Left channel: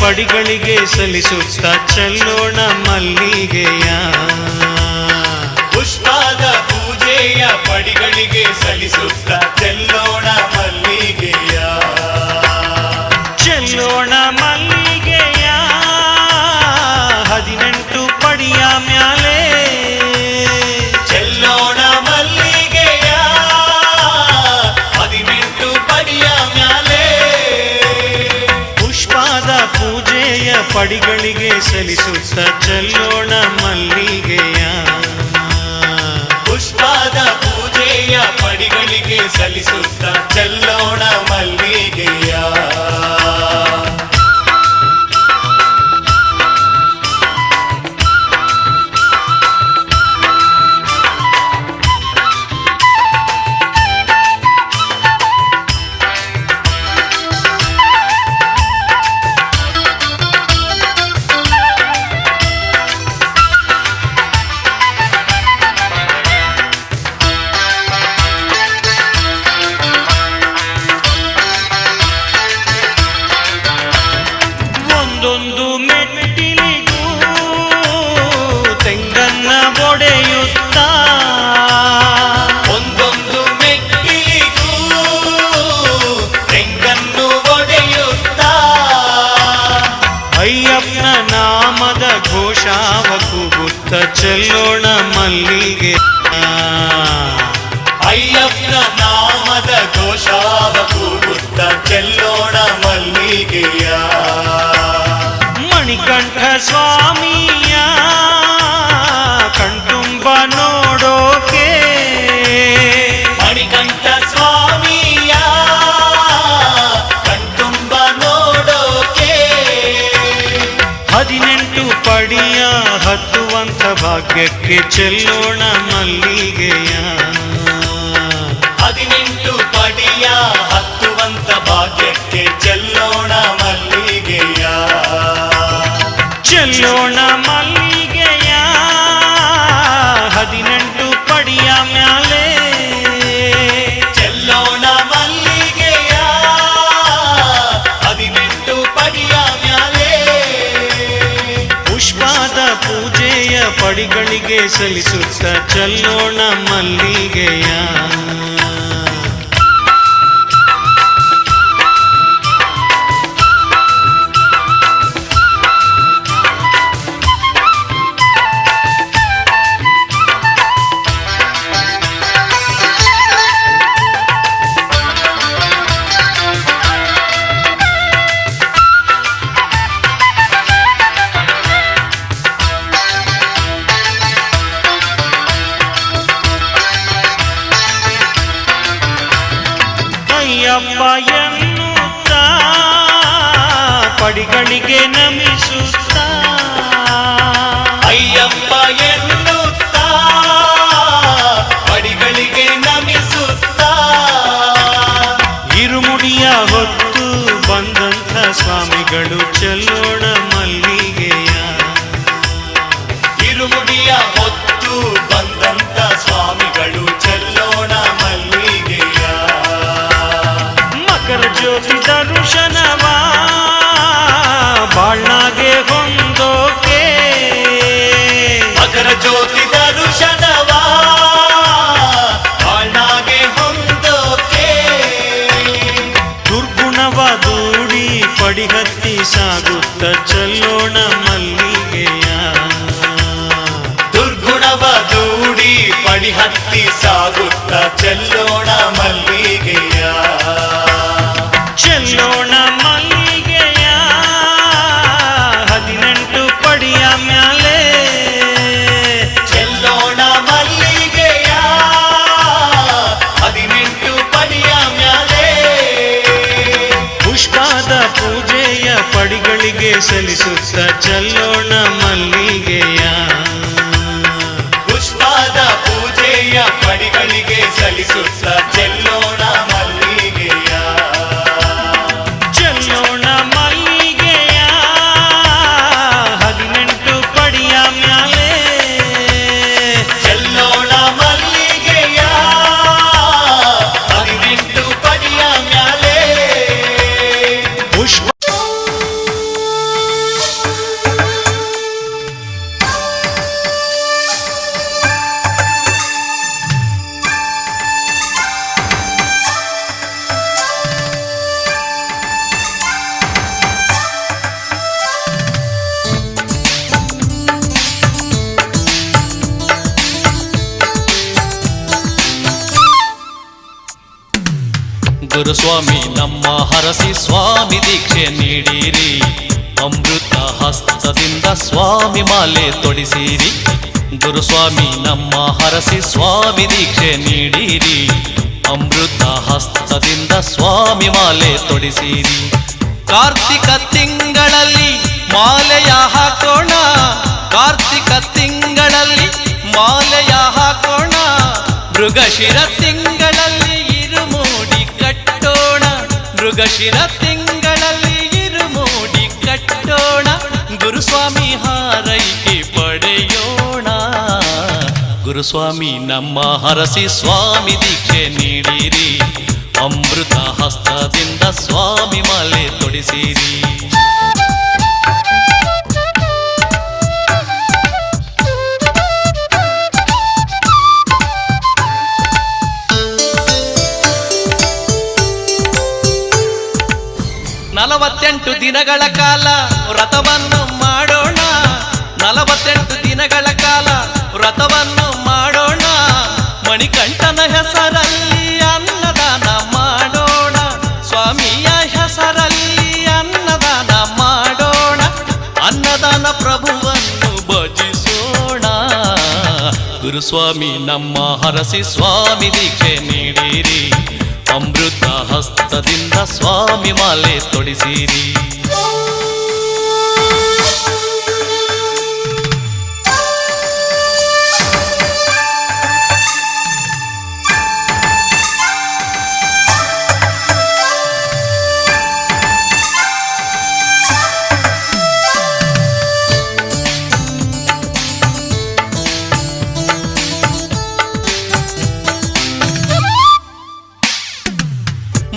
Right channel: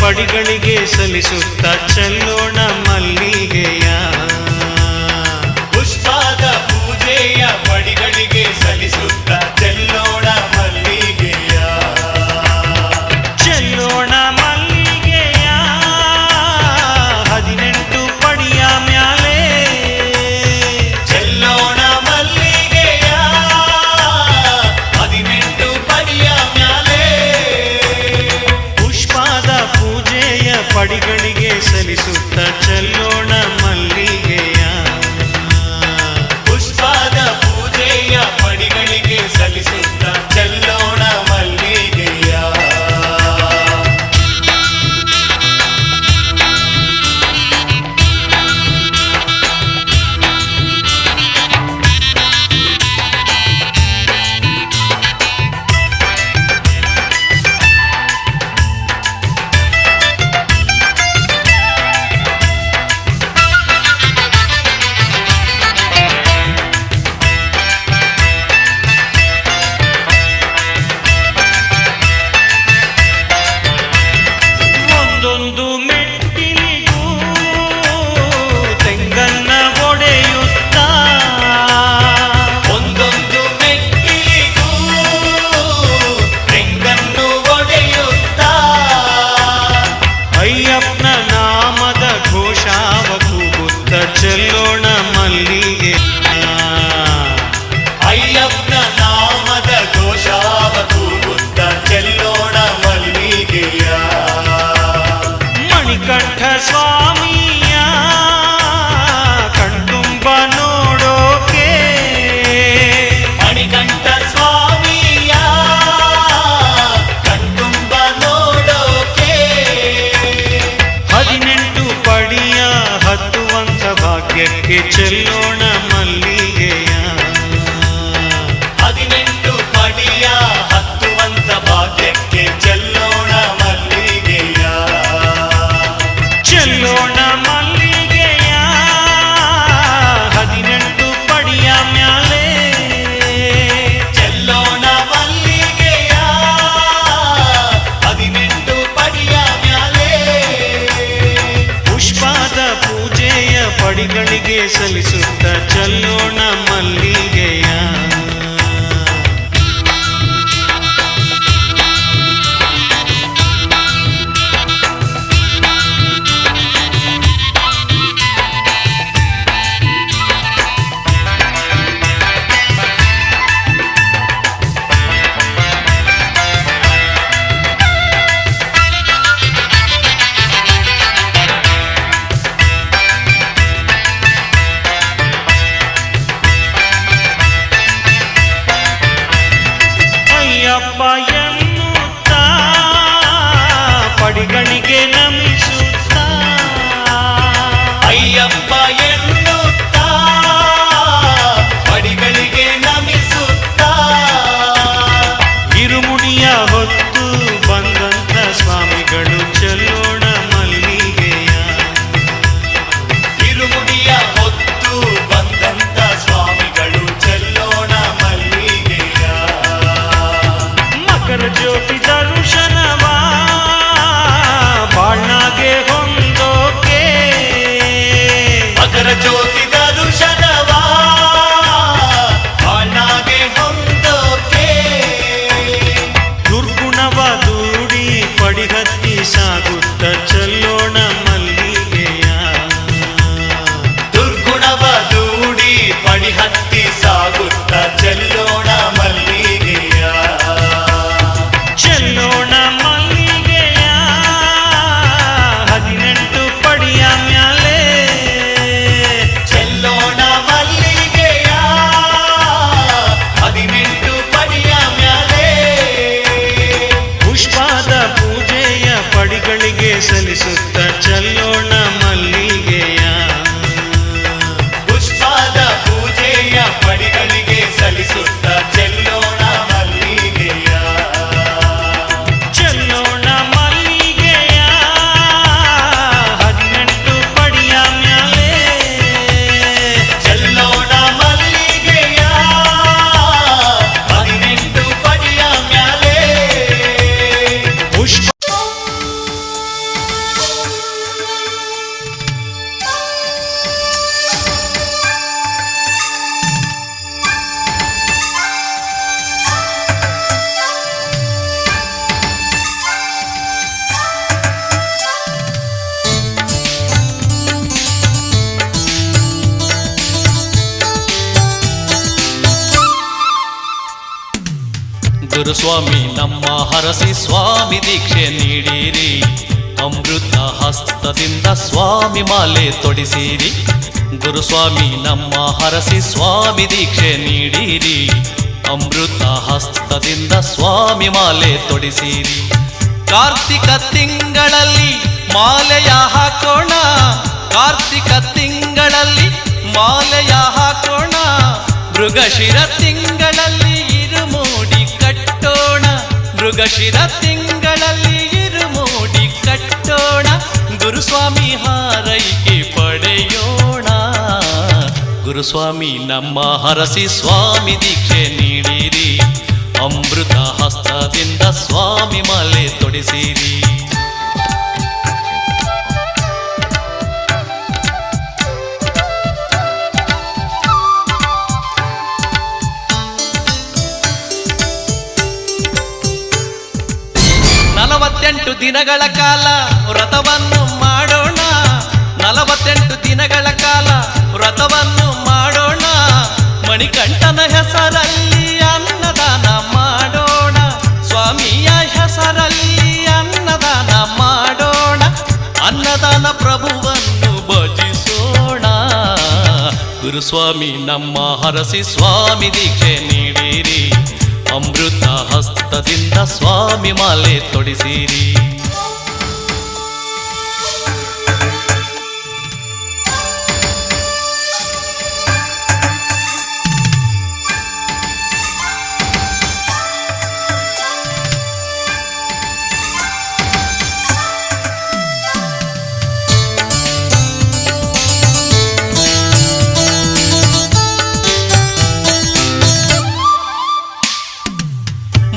ಪಡಿಗಳಿಗೆ ಸಲ್ಲಿಸುತ್ತ ಚೆಲ್ಲೋಣ ಮಲ್ಲಿಗೆಯ. ಪುಷ್ಪದ ಪೂಜೆಯ ಪಡಿಗಳಿಗೆ ಸಲ್ಲಿಸುತ್ತ ಚೆಲ್ಲೋಣ ಮಲ್ಲಿಗೆಯ. ಚೆಲ್ಲೋಣ ಮಲ್ಲಿಗೆಯ 18 ಪಡಿಯ ಮ್ಯಾಲೆ. ಚೆಲ್ಲೋಣ ಮಲ್ಲಿಗೆಯ 18 ಪಡಿಯ ಮ್ಯಾಲೆ. ಪುಷ್ಪದ ಪೂಜೆಯ ಪಡಿಗಳಿಗೆ ಸಲ್ಲಿಸುತ್ತ ಚೆಲ್ಲೋಣ ಮಲ್ಲಿಗೆಯ. ಪುಷ್ಪದ ಪೂಜೆಯ ಪಡಿಗಳಿಗೆ ಸಲ್ಲಿಸುತ್ತ ಚೆಲ್ಲೋಣ ಮಲ್ಲಿಗೆಯ. ಒಂದೊಂದು ಮೆಟ್ಟಿಲಿಗೂ ತೆಂಗನ್ನ ಒಡೆಯುತ್ತ. ಒಂದೊಂದು ಮೆಟ್ಟಿಲಿಗೂ ತೆಂಗನ್ನು ಒಡೆಯುತ್ತ. ಅಯ್ಯಪ್ಪನ ನಾಮದ ಘೋಷಾವ ಕೂಗುತ್ತ ಚೆಲ್ಲೋಣ ಮಲ್ಲಿಗೆ. ಅಯ್ಯಪ್ಪನ ನಾಮದ ಘೋಷಾವ ಕೂಗುತ್ತ ಚೆಲ್ಲೋಣ ಮಲ್ಲಿಗೆಯ. ಮಣಿಕಂಠ ಸ್ವಾಮಿಯ ಕಣ್ತುಂಬ ನೋಡೋಕೆ. ಮಣಿಕಂಠ ಸ್ವಾಮಿಯ ಕಣ್ತುಂಬ ನೋಡೋಕೆ. 18 ಪಡಿಯ ಹತ್ತುವಂಥ ಭಾಗ್ಯಕ್ಕೆ ಚೆಲ್ಲೋಣ ಮಲ್ಲಿಗೆಯ. 18 ಪಡಿಯ ಹತ್ತುವಂತ ಭಾಗ್ಯಕ್ಕೆ ಚೆಲ್ಲೋಣ ಮಲ್ಲಿಗೆಯ. ಚೆಲ್ಲೋಣ ಮಲ್ಲಿಗೆಯ 18 ಪಡಿಯ ಮ್ಯಾಲೆ. ಚೆಲ್ಲೋಣ ಮಲ್ಲಿಗೆಯ 18 ಪಡಿಯ ಮ್ಯಾಲೆ. ಪುಷ್ಪದ ಪೂಜೆಯ ಪಡಿಗಳಿಗೆ ಸಲ್ಲಿಸುತ್ತ ಚೆಲ್ಲೋಣ ಮಲ್ಲಿಗೆಯ. ಅಯ್ಯಪ್ಪ ಎನ್ನುತ್ತ ಪಡಿಗಳಿಗೆ ನಮಿಸುತ್ತ. ಅಯ್ಯಪ್ಪ ಎನ್ನುತ್ತ ಪಡಿಗಳಿಗೆ ನಮಿಸುತ್ತ. ಇರುಮುಡಿಯ ಹೊತ್ತು ಬಂದಂಥ ಸ್ವಾಮಿಗಳು ಚೆಲ್ಲೋಣ ಮಲ್ಲಿಗೆಯ. ಇರುಮುಡಿಯ ಹೊತ್ತು ಬಂದಂತ ಸ್ವಾಮಿಗಳು ಚೆಲ್ಲೋಣ ಮಲ್ಲಿಗೆಯ. ಮಕರ ಜ್ಯೋತಿ ದರ್ಶನವ ಬಾಳ್ನಾಗೆ ಹೊಂದೋಕೆ. ಮಕರ ಜ್ಯೋತಿ ದರ್ಶನವ ಬಾಳ್ನಾಗೆ ಹೊಂದೋಕೆ. ದುರ್ಗುಣವ ದೂಡಿ ಪಡಿಹತ್ತಿ ಸಾಗುತ್ತ ಚೆಲ್ಲೋಣ ಮಲ್ಲಿಗೆಯ. ದುರ್ಗುಣವ ದೂಡಿ ಪಡಿಹತ್ತಿ ಸಾಗುತ್ತ ಚೆಲ್ಲೋಣ ಮಲ್ಲಿಗೆಯ. ಚೆಲ್ಲೋಣ ಮಲ್ಲಿಗೆಯ 18 ಪಡಿಯ ಮ್ಯಾಲೆ. ಚೆಲ್ಲೋಣ ಮಲ್ಲಿಗೆಯ 18 ಪಡಿಯ ಮ್ಯಾಲೆ. ಪುಷ್ಪದ ಪೂಜೆಯ ಪಡಿಗಳಿಗೆ ಸಲ್ಲಿಸುತ್ತ ಚೆಲ್ಲೋಣ ಮಲ್ಲಿಗೆಯ. ಪುಷ್ಪದ ಪೂಜೆಯ ಪಡಿಗಳಿಗೆ ಸಲ್ಲಿಸುತ್ತ ಚೆಲ್ಲೋಣ ಮಲ್ಲಿಗೆಯ. ಚೆಲ್ಲೋಣ ಮಲ್ಲಿಗೆಯ 18 ಪಡಿಯ ಮ್ಯಾಲೆ. ಚೆಲ್ಲೋಣ ಮಲ್ಲಿಗೆಯ 18 ಪಡಿಯ ಮ್ಯಾಲೆ. ಪುಷ್ಪ ಗುರುಸ್ವಾಮಿ ನಮ್ಮ ಹರಸಿ ಸ್ವಾಮಿ ದೀಕ್ಷೆ ನೀಡಿರಿ, ಅಮೃತ ಹಸ್ತದಿಂದ ಸ್ವಾಮಿ ಮಾಲೆ ತೊಡಿಸಿರಿ. ಗುರುಸ್ವಾಮಿ ನಮ್ಮ ಹರಸಿ ಸ್ವಾಮಿ ದೀಕ್ಷೆ ನೀಡಿರಿ, ಅಮೃತ ಹಸ್ತದಿಂದ ಸ್ವಾಮಿ ಮಾಲೆ ತೊಡಿಸಿರಿ. ಕಾರ್ತಿಕ ತಿಂಗಳಲ್ಲಿ ಮಾಲೆಯ ಹಾಕೋಣ, ಕಾರ್ತಿಕ ತಿಂಗಳಲ್ಲಿ ಮಾಲೆಯ ಹಾಕೋಣ, ಮೃಗಶಿರ ತಿಂಗಳಲ್ಲಿ ಇರುಮೂಡಿ ಕಟ್ಟೋಣ, ಮೃಗಶಿರ ತಿಂಗಳಲ್ಲಿ ಇರುಮೂಡಿ ಕಟ್ಟೋಣ, ಗುರುಸ್ವಾಮಿ ಹಾರೈಕೆ ಪಡೆಯೋಣ. ಗುರುಸ್ವಾಮಿ ನಮ್ಮ ಹರಸಿ ಸ್ವಾಮಿ ದೀಕ್ಷೆ ನೀಡಿರಿ, ಅಮೃತ ಹಸ್ತದಿಂದ ಸ್ವಾಮಿ ಮಾಲೆ ತೊಡಿಸಿರಿ. ನಲವತ್ತೆಂಟು ದಿನಗಳ ಕಾಲ ವ್ರತವನ್ನು ಮಾಡೋಣ, 48 ದಿನಗಳ ಕಾಲ ವ್ರತವನ್ನು ಮಾಡೋಣ, ಮಣಿಕಂಠನ ಹೆಸರಲ್ಲಿ ಅನ್ನದಾನ ಮಾಡೋಣ, ಸ್ವಾಮಿಯ ಹೆಸರಲ್ಲಿ ಅನ್ನದಾನ ಮಾಡೋಣ, ಅನ್ನದಾನ ಪ್ರಭುವನ್ನು ಭಜಿಸೋಣ. ಗುರುಸ್ವಾಮಿ ನಮ್ಮ ಹರಸಿ ಸ್ವಾಮಿ ದೀಕ್ಷೆ ನೀಡಿರಿ, ಅಮೃತ ಹಸ್ತದಿಂದ ಸ್ವಾಮಿ ಮಾಲೆ ತೊಡಿಸಿರಿ.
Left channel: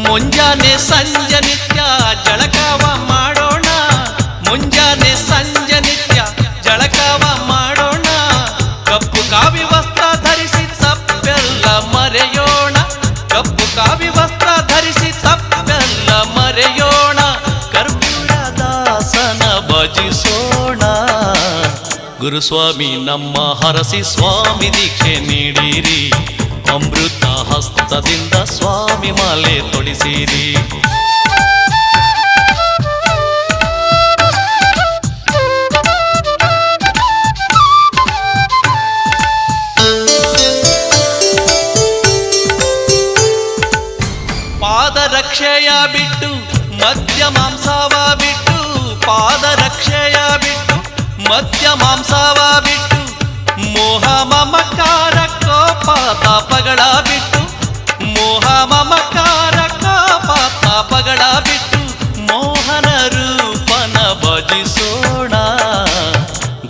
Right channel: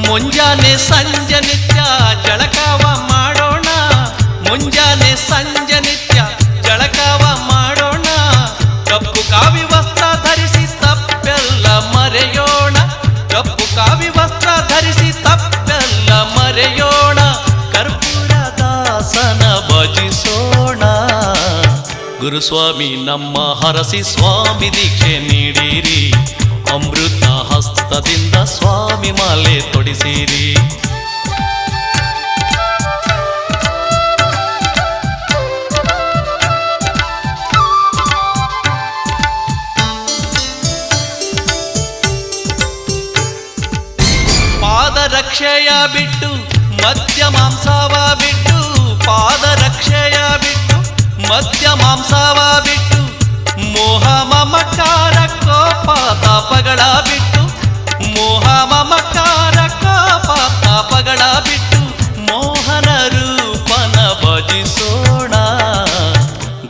ಮುಂಜಾನೆ ಸಂಜೆ ನಿತ್ಯ ಜಳಕವ ಮಾಡೋಣ, ಮುಂಜಾನೆ ಸಂಜೆ ನಿತ್ಯ ಜಳಕವ ಮಾಡೋಣ, ಕಪ್ಪು ಕಾವಿ ವಸ್ತ್ರ ಧರಿಸಿ ತಪ್ಪೆಲ್ಲ ಮರೆಯೋಣ, ಕಪ್ಪು ಕಾವಿ ವಸ್ತ್ರ ಧರಿಸಿ ತಪ್ಪೆಲ್ಲ ಮರೆಯೋಣ, ಕರ್ಪೂರ ದಾಸನ ಭಜಿಸೋಣ. ಗುರುಸ್ವಾಮಿ ನಮ್ಮ ಹರಸಿ ಸ್ವಾಮಿ ದೀಕ್ಷೆ ನೀಡಿರಿ, ಅಮೃತ ಹಸ್ತದಿಂದ ಸ್ವಾಮಿ ಮಾಲೆ ತೊಡಿಸಿರಿ. ಪಾದರಕ್ಷೆಯ ಬಿಟ್ಟು ಮದ್ಯ ಮಾಂಸವ ಬಿಟ್ಟು, ಪಾದರಕ್ಷೆಯ ಬಿಟ್ಟು ಮದ್ಯ ಮಾಂಸವ ಬಿಟ್ಟು, ಮೋಹ ಮಮಕಾರ ಕೋಪ ತಾಪಗಳ ಬಿಟ್ಟು, ಮೋಹ ಮಮಕಾರ ಕೋಪ ತಾಪಗಳ ಬಿಟ್ಟು, ಮೋಹನ ರೂಪನ ಭಜಿಸೋಣ.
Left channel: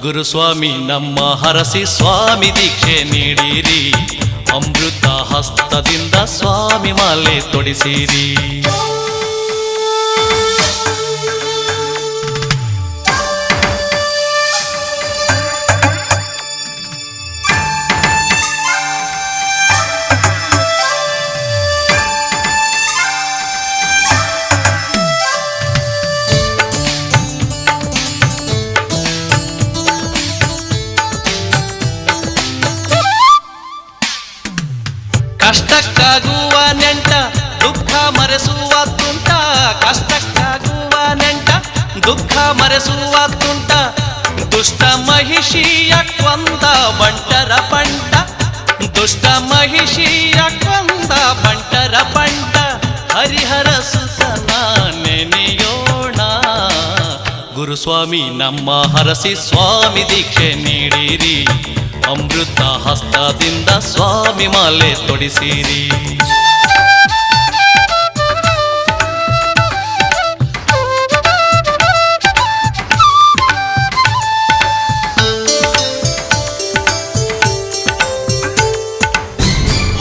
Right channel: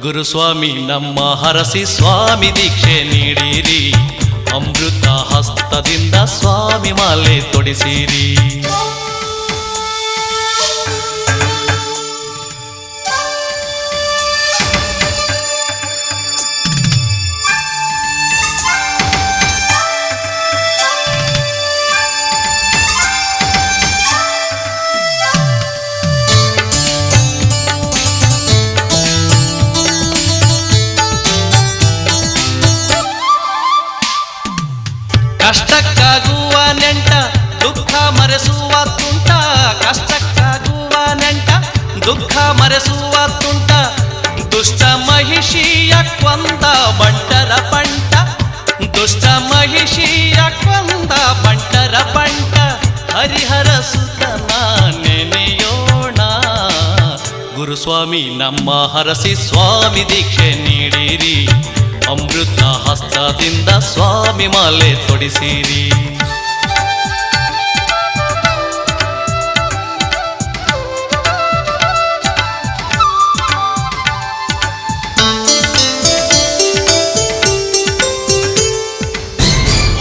ಗುರುಸ್ವಾಮಿ ನಮ್ಮ ಹರಸಿ ಸ್ವಾಮಿ ದೀಕ್ಷೆ ನೀಡಿರಿ, ಅಮೃತ ಹಸ್ತದಿಂದ ಸ್ವಾಮಿ ಮಾಲೆ ತೊಡಿಸಿರಿ. ಕಷ್ಟಕ್ಕಾಗುವ ನೆಂಟ ದುಃಖ ಮರೆಸುವ ತುಂಟ, ಕಷ್ಟಕ್ಕಾಗುವ ನೆಂಟ ದುಃಖ ಮರೆಸುವ ತುಂಟ, ದುಷ್ಟ ಮಹಿಷಿಯ ಕೊಂದ ಬಂಟರ ಪಂಟ, ದುಷ್ಟ ಮಹಿಷಿಯ ಕೊಂದ ಬಂಟರ ಪಂಟ, ಹರಿಹರ ಸುತನ ನೆನೆಯೋಣ. ಗುರುಸ್ವಾಮಿ ನಮ್ಮ ಹರಸಿ ಸ್ವಾಮಿ ದೀಕ್ಷೆ ನೀಡಿರಿ, ಅಮೃತ ಹಸ್ತದಿಂದ ಸ್ವಾಮಿ ಮಾಲೆ ತೊಡಿಸಿರಿ.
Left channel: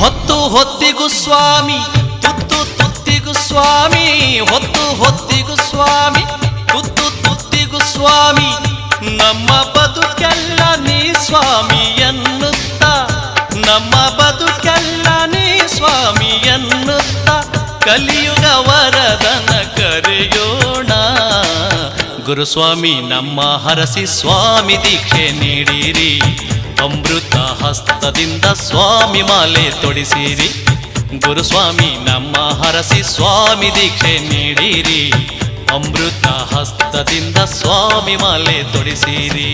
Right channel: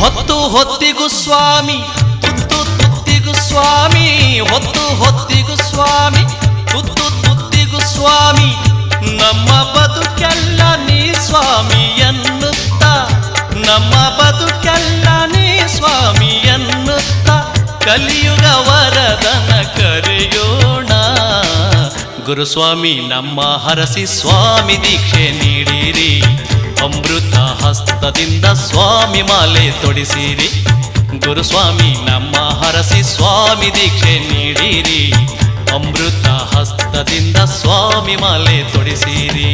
ಹೊತ್ತು ಹೊತ್ತಿಗೂ ಸ್ವಾಮಿ, ತುತ್ತು ತುತ್ತಿಗೂ ಸ್ವಾಮಿ, ಹೊತ್ತು ಹೊತ್ತಿಗೂ ಸ್ವಾಮಿ, ತುತ್ತು ತುತ್ತಿಗೂ ಸ್ವಾಮಿ, ನಮ್ಮ ಬದುಕೆಲ್ಲ ನೀ ಸ್ವಾಮಿ ಎನ್ನುತ್ತ, ನಮ್ಮ ಬದುಕೆಲ್ಲ ನೀ ಸ್ವಾಮಿ ಎನ್ನುತ್ತ, ಕಲಿಯುಗ ವರದನ ಕರೆಯೋಣ. ಗುರುಸ್ವಾಮಿ ನಮ್ಮ ಹರಸಿ ಸ್ವಾಮಿ ದೀಕ್ಷೆ ನೀಡಿರಿ, ಅಮೃತ ಹಸ್ತದಿಂದ ಸ್ವಾಮಿ ಮಾಲೆ ತೊಡಿಸಿರಿ. ಗುರುಸ್ವಾಮಿ ನಮ್ಮ ಹರಸಿ ಸ್ವಾಮಿ ದೀಕ್ಷೆ ನೀಡಿರಿ, ಅಮೃತ ಹಸ್ತದಿಂದ ಸ್ವಾಮಿ ಮಾಲೆ ತೊಡಿಸಿರಿ.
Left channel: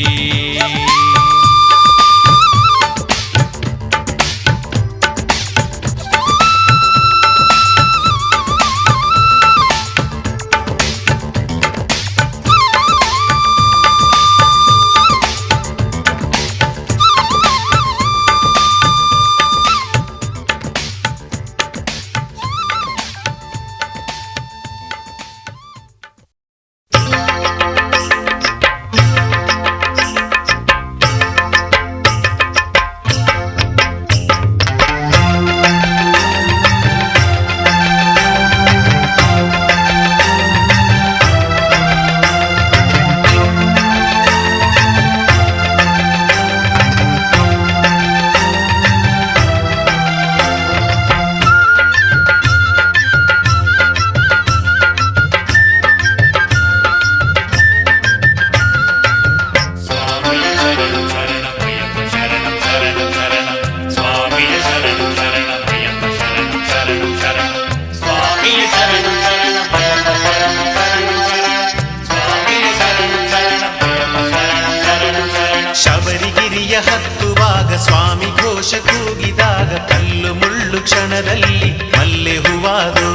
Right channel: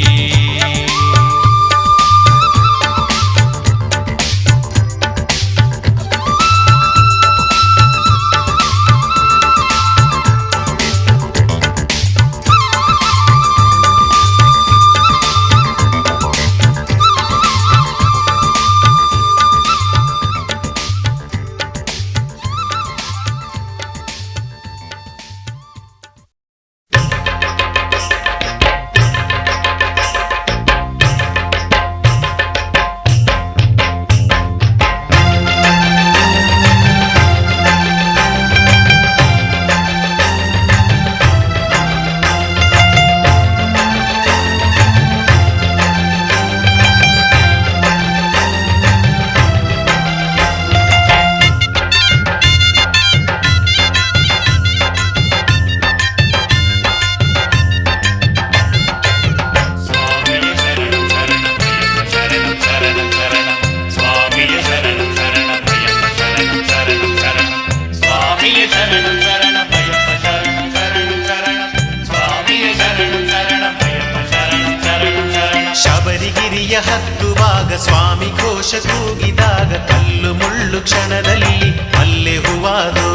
ಶಬರಿಗಿರಿಯ ಹತ್ತುವಾಗ ಸ್ವಾಮಿ ಘೋಷ ಕೂಗಿದಾಗ ಕಲ್ಲು ಮುಳ್ಳು ಕ್ಷಣದಲ್ಲಿ ಮಲ್ಲೆ ಹೂವಾದೋ,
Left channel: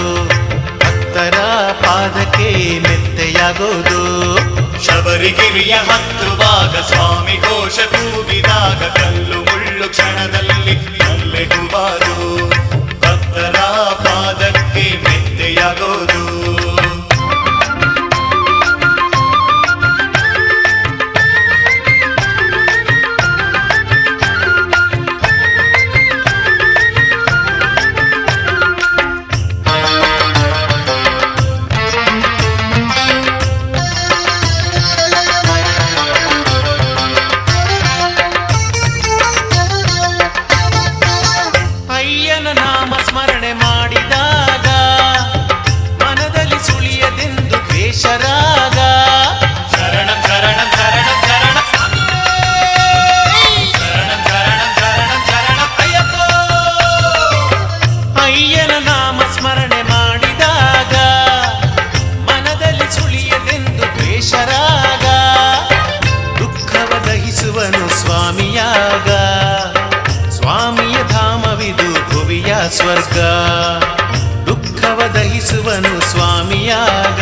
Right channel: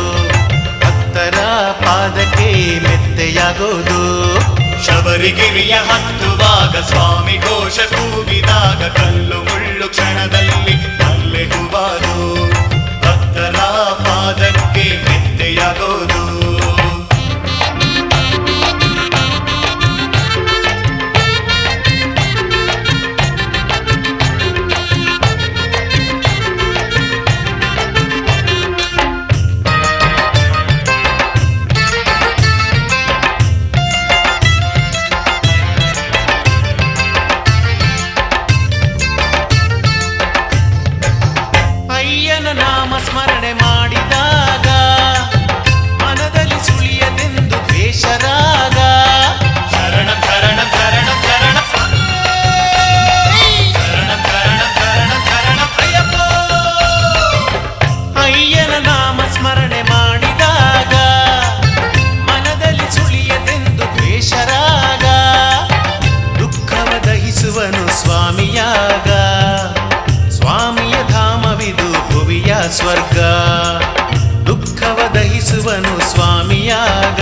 ಭಕ್ತರ ಪಾದಕ್ಕೆ ಮೆತ್ತೆಯಾಗೋದು. ಶಬರಿಗಿರಿಯ ಹತ್ತುವಾಗ ಸ್ವಾಮಿ ಘೋಷ ಕೂಗಿದಾಗ ಕಲ್ಲು ಮುಳ್ಳು ಕ್ಷಣದಲ್ಲಿ ಮಲ್ಲೆ ಹೂವಾದು, ಭಕ್ತರ ಪಾದಕ್ಕೆ ಮೆತ್ತೆಯಾಗೋದು. ಅಯ್ಯನ ನಾಮ ಸ್ಮರಣೆ ಮಾಡಿದಾಗ ಮನದಲ್ಲಿ ಸುಳಿಯದೆಂದು ದ್ವೇಷರಾಗ. ಶರಣಂ ಶರಣಂ ಶರಣಂ ಶರಣಂ ಶರಣಂ ಶರಣಂ ಶರಣಂ ಶರಣಂ ಅಯ್ಯಪ್ಪ. ಅಯ್ಯನ ನಾಮ ಸ್ಮರಣೆ ಮಾಡಿದಾಗ ಮನದಲ್ಲಿ ಸುಳಿಯದೆಂದು ದ್ವೇಷರಾಗ. ದುಃಖವ ದಹಿಸುವನು ಸ್ವಾಮಿಯಾಗ, ಸ್ವಾಮಿಯ ಧಾಮವಿದು ಭುವಿಯ ಸ್ವರ್ಗ. ದುಃಖವ ದಹಿಸುವನು ಸ್ವಾಮಿಯಾಗ,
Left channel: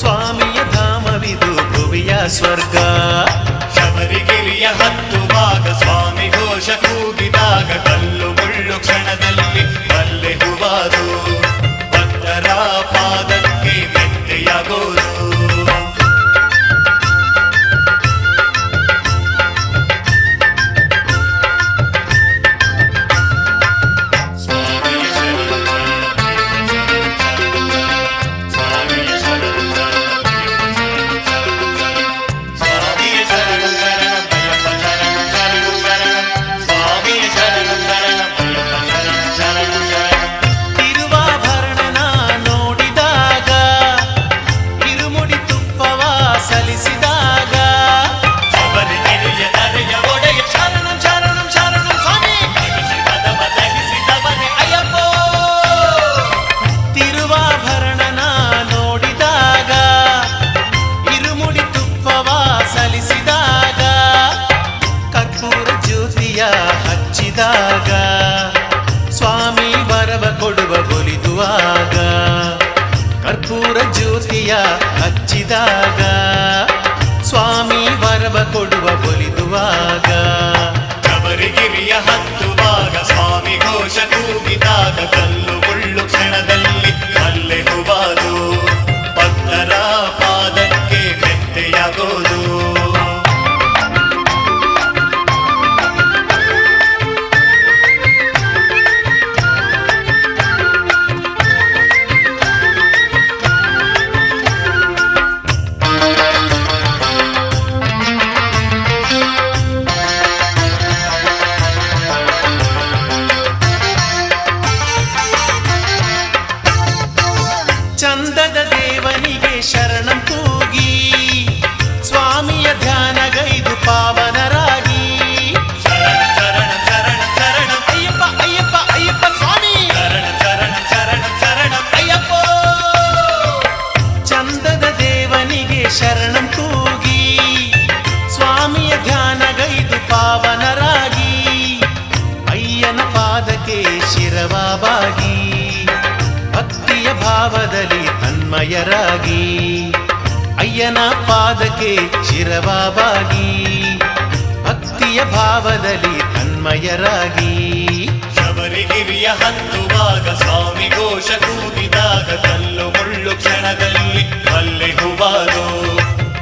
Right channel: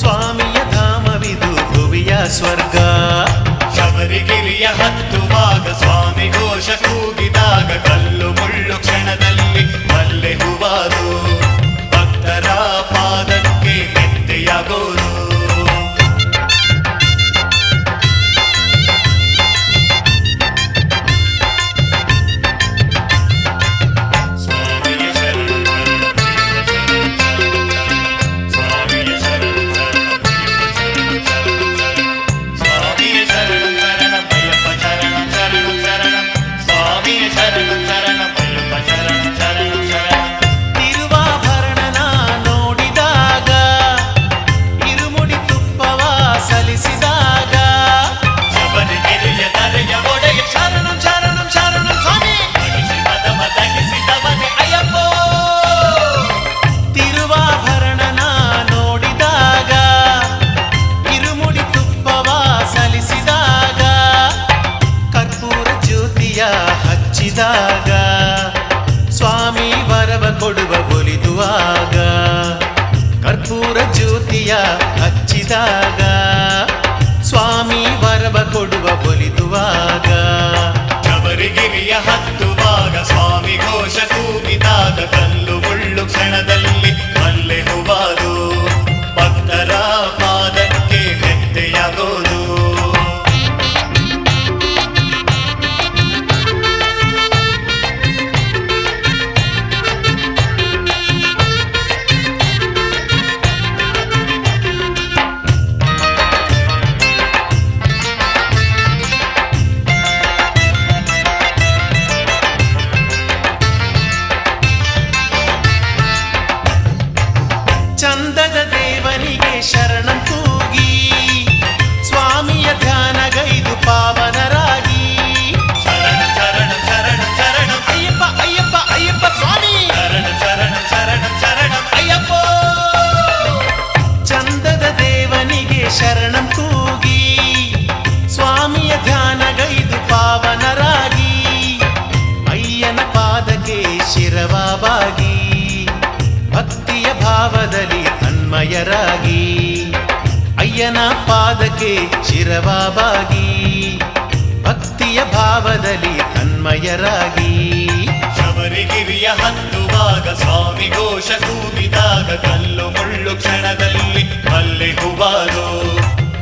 ಸ್ವಾಮಿಯ ಧಾಮವಿದು ಭುವಿಯ ಸ್ವರ್ಗ. ಶಬರಿಗಿರಿಯ ಹತ್ತುವಾಗ ಸ್ವಾಮಿ ಘೋಷ ಕೂಗಿದಾಗ ಕಲ್ಲು ಮುಳ್ಳು ಕ್ಷಣದಲ್ಲಿ ಮಲ್ಲೆ ಹೂವಾದು, ಭಕ್ತರ ಪಾದಕ್ಕೆ ಮೆತ್ತೆಯಾಗೋದು. ಶರಣಂ ಶರಣಂ ಅಯ್ಯಪ್ಪ ಶರಣಂ ಶರಣಂ ಶರಣಂ ಸ್ವಾಮಿಯೇ ಶರಣಂ ಶರಣಂ ಅಯ್ಯಪ್ಪ ಶರಣಂ ಶರಣಂ ಶರಣಂ. ತಿರುವಾಭರಣನ ನೋಡಿದಾಗ ಇರುಮುಡಿ ತುಪ್ಪವ ಸಲ್ಲಿಸಿದಾಗ ಶಬರಿಗಿರಿಯ ತರೆಯ ಒಡೆಯ ಶರಣಂ ಶರಣಂ ಶರಣಂ ಸ್ವಾಮಿ ಶಿವದಮ ದಹಿಸಿದವನೇ ಅಯ್ಯಪ್ಪ. ತಿರುವಾಭರಣನ ನೋಡಿದಾಗ ಇರುಮುಡಿ ತುಪ್ಪವ ಸಲ್ಲಿಸಿದಾಗ ಕರ್ಪೂರ ಜ್ಯೋತಿಯ ಹಚ್ಚಿದಾಗ ಸ್ವಾಮಿ ವರವ ಕೊಡುವ ಒಲಿದುವಾಗ. ಕರ್ಪೂರ ಜ್ಯೋತಿಯ ಹಚ್ಚಿದಾಗ ಸ್ವಾಮಿ ವರವ ಕೊಡುವ ಒಲಿದುವಾಗ. ಶಬರಿಗಿರಿಯ ಹತ್ತುವಾಗ ಸ್ವಾಮಿ ಘೋಷ ಕೂಗಿದಾಗ ಕಲ್ಲು ಮುಳ್ಳು ಕ್ಷಣದಲ್ಲಿ ಮಲ್ಲೆ ಹೂವಾದು, ಭಕ್ತರ ಪಾದಕ್ಕೆ ಮೆತ್ತೆಯಾಗೋದು. ಚಂದದ ದೇವನಿಗೆ ಶರಣಂ ಕೂಗಿ ಸ್ವಾಮಿಯ ಧ್ಯಾನಗೈದು ಪಾವನರಾಗಿ. ಶರಣಂ ಶರಣಂ ಶರಣಂ ಶರಣಂ ಅಯ್ಯಪ್ಪ ಅಯ್ಯಪ್ಪ ಅಯ್ಯಪ್ಪ ಸ್ವಾಮಿ ಶರಣಂ ಅಯ್ಯಪ್ಪೋ. ಚಂದದ ದೇವನಿಗೆ ಶರಣಂ ಕೂಗಿ ಸ್ವಾಮಿಯ ಧ್ಯಾನಗೈದು ಪಾವನರಾಗಿ ಅಯ್ಯನ ಪಾದಕ್ಕೆ ಶಿರವಾಬಾಗಿ ಭಕ್ತಿಯ ಭಾವದಲ್ಲಿ ತನ್ಮಯರಾಗಿ ಅಯ್ಯನ ಪಾದಕ್ಕೆ ಶಿರವಾಬಾಗಿ ಭಕ್ತಿಯ ಭಾವದಲ್ಲಿ ತನ್ಮಯರಾಗಿ ಶಬರಿಗಿರಿಯ ಹತ್ತುವಾಗ ಸ್ವಾಮಿ ಘೋಷ ಕೂಗಿದಾಗ ಕಲ್ಲು ಮುಳ್ಳು ಕ್ಷಣದಲ್ಲಿ ಮಲ್ಲೆ ಹೂವಾದು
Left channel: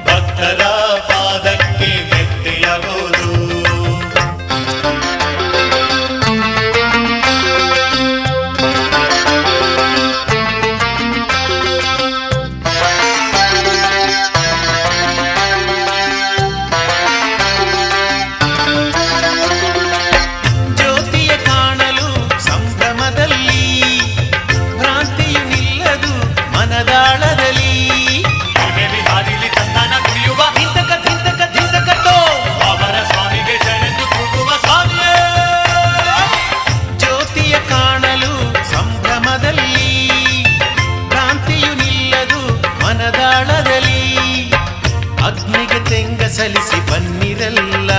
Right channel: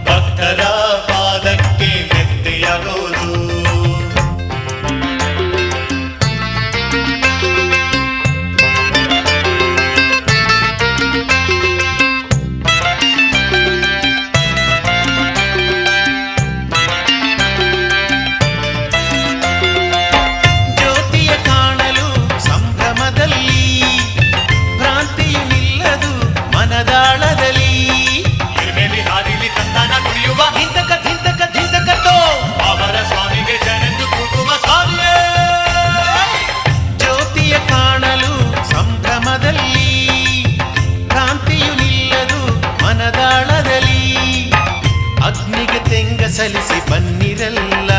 ಭಕ್ತರ ಪಾದಕ್ಕೆ ಮೆತ್ತೆಯಾಗೋದು. ಜ್ಯೋತಿಯ ಕಾಣಲು ಸಂಭ್ರಮದಲ್ಲಿ ಭ್ರಾಂತಿಯು ನಿಲ್ಲದು ಮನದಾಳದಲ್ಲಿ ಎರ್ಮೇಲಿ ಹಾದಿಲಿ ತಂದಾನ ಕುಡಿಯುವ ಧಿಂತಕ ಧಿಂತಕ ಧಿಂತಕತೋ ಅವರ ಸ್ವಾಮಿಗೆ ಶರಣೆಂದು ಕೂಗುವ ಸ್ವಾಮಿಯೇ. ಜ್ಯೋತಿಯ ಕಾಣಲು ಸಂಭ್ರಮದಲ್ಲಿ ಭ್ರಾಂತಿಯು ನಿಲ್ಲದು ಮನದಾಳದಲ್ಲಿ ಅಗ್ನಿಗೆ ತೆಂಗ ಸಲಿಸಿ ಬನ್ನಿರಲ್ಲ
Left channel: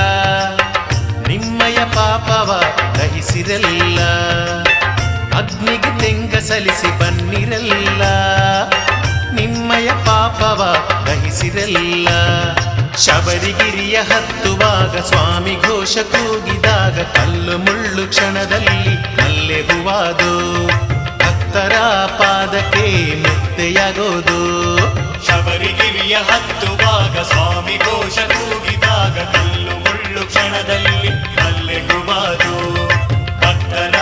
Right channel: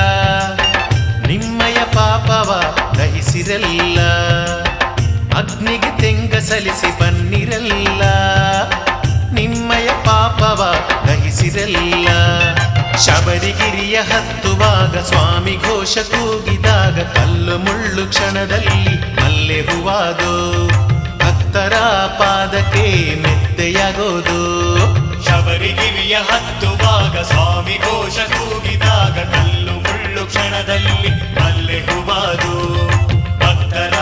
ನಿಮ್ಮಯ ಪಾಪವ ದಹಿಸಿರಲ್ಲ ಅಗ್ನಿಗೆ ತೆಂಗ ಸಲಿಸಿ ಬನ್ನಿರಲ್ಲ ನಿಮ್ಮಯ ಪಾಪವ ದಹಿಸಿರಲ್ಲ. ಶಬರಿಗಿರಿಯ ಹತ್ತುವಾಗ ಸ್ವಾಮಿ ಘೋಷ ಕೂಗಿದಾಗ ಕಲ್ಲು ಮುಳ್ಳು ಕ್ಷಣದಲ್ಲಿ ಮಲ್ಲೆ ಹೂವಾದು ಭಕ್ತರ ಪಾದಕ್ಕೆ ಮೆತ್ತೆಯಾಗೋದು. ಶಬರಿಗಿರಿಯ ಹತ್ತುವಾಗ ಸ್ವಾಮಿ ಘೋಷ ಕೂಗಿದಾಗ ಕಲ್ಲು ಮುಳ್ಳು ಕ್ಷಣದಲ್ಲಿ ಮಲ್ಲೆ ಹೂವಾದು ಭಕ್ತರ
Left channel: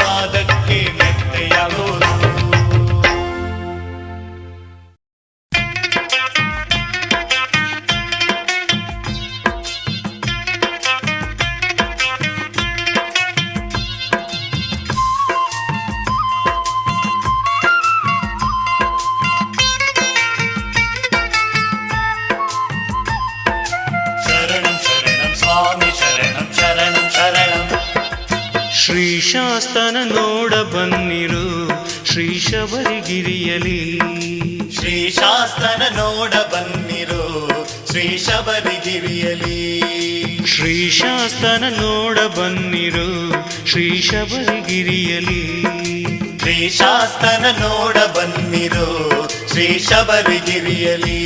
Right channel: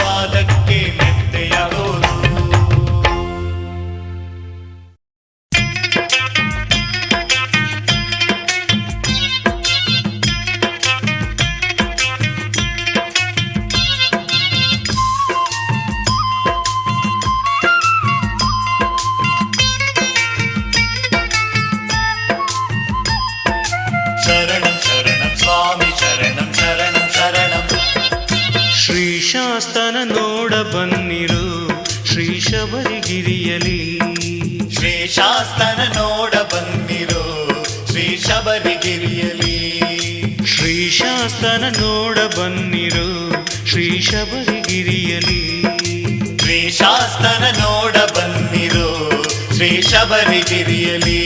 ಪಾದಕ್ಕೆ ಮೆತ್ತೆಯಾಗೋದು. ಶ್ರೀಶಾಸ್ತನ ನೋಡ ಬನ್ನಿರು ಶ್ರೀ ಶಬರಿಗಿರಿಯಲಿ. ಶ್ರೀಶಾಸ್ತನ ನೋಡ ಬನ್ನಿರು ಶ್ರೀ ಶಬರಿಗಿರಿಯಲಿ. ಶ್ರೀಶಾಸ್ತನ ನೋಡ ಬನ್ನಿರು ಶ್ರೀ ಶಬರಿಗಿರಿಯಲಿ. ಶ್ರೀಶಾಸ್ತನ ನೋಡ ಬನ್ನಿರು ಶ್ರೀ ಶಬರಿಗಿರಿಯಲಿ.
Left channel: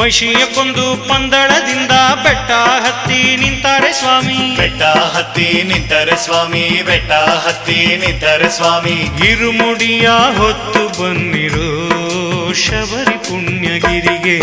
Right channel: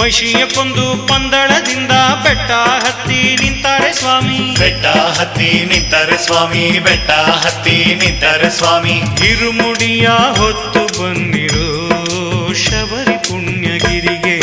ಮಹಿಷಿಯ ಕೊಂದು ಪಂದಳದಿಂದ ಬೆಟ್ಟ ಹತ್ತಿ ನಿಂತಾರೆ ಸ್ವಾಮಿ. ಬೆಟ್ಟ ಹತ್ತಿ ನಿಂತರೆ ಸ್ವಾಮಿ, ಬೆಟ್ಟ ಹತ್ತಿ ನಿಂತರೆ ಸ್ವಾಮಿ. ಇರುಮುಡಿಯ ಹೊತ್ತು ಬನ್ನಿರು ಶಬರಿ ಪುಣ್ಯಗಿರಿಗೆ.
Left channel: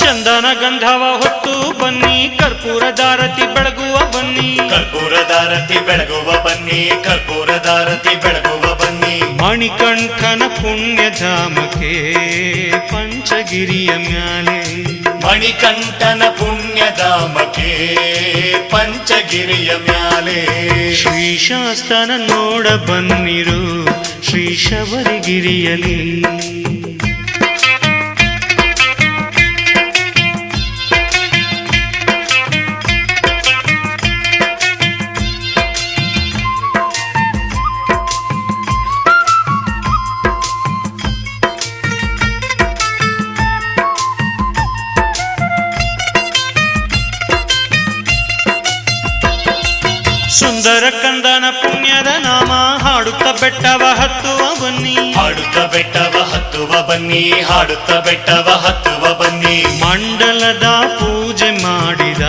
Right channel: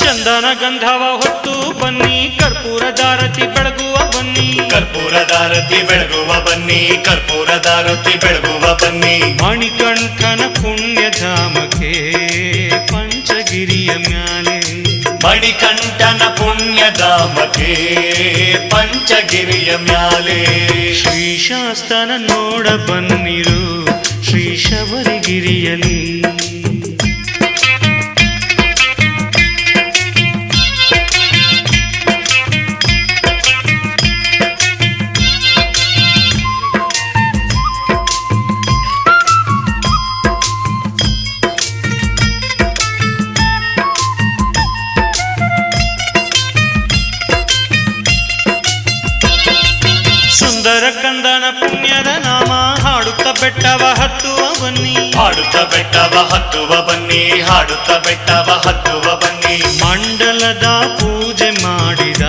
ಚಂದನ ಗಂಧವ ಹೊತ್ತು ಬನ್ನಿ ಕರ್ಪೂರದಾರತಿ ಬೆಳಗುವ ಬನ್ನಿ. ಕರ್ಪೂರದಾರತಿ ಬೆಳಗುವ ಬನ್ನಿ, ಕರ್ಪೂರದಾರತಿ ಬೆಳಗುವ ಬನ್ನಿ. ಮಣಿಕಂಠನ ಪುಣ್ಯಧಾಮಕ್ಕೆ ಪಂಚಗಿರಿಯ ಮ್ಯಾಲೆ. ಮಣಿಕಂಠನ ಪುಣ್ಯಧಾಮಕ್ಕೆ ಪಂಚಗಿರಿಯ ಮ್ಯಾಲೆ. ಶ್ರೀಶಾಸ್ತನ ನೋಡ ಬನ್ನಿರು ಶ್ರೀ ಶಬರಿಗಿರಿಯಲಿ. ಸುಂದರ ಕಂದನ ಪುಣ್ಯದ ನಾಮ ಹಾಡುತ್ತ ಬೆಟ್ಟವ ಹತ್ತುವ ಬನ್ನಿ. ಹಾಡುತ್ತ ಬೆಟ್ಟವ ಹತ್ತುವ ಬನ್ನಿ, ಹಾಡುತ್ತ ಬೆಟ್ಟವ ಹತ್ತುವ ಬನ್ನಿ. ಮಂಡಲದ ಪೂಜೆ ಮಾಡಿದ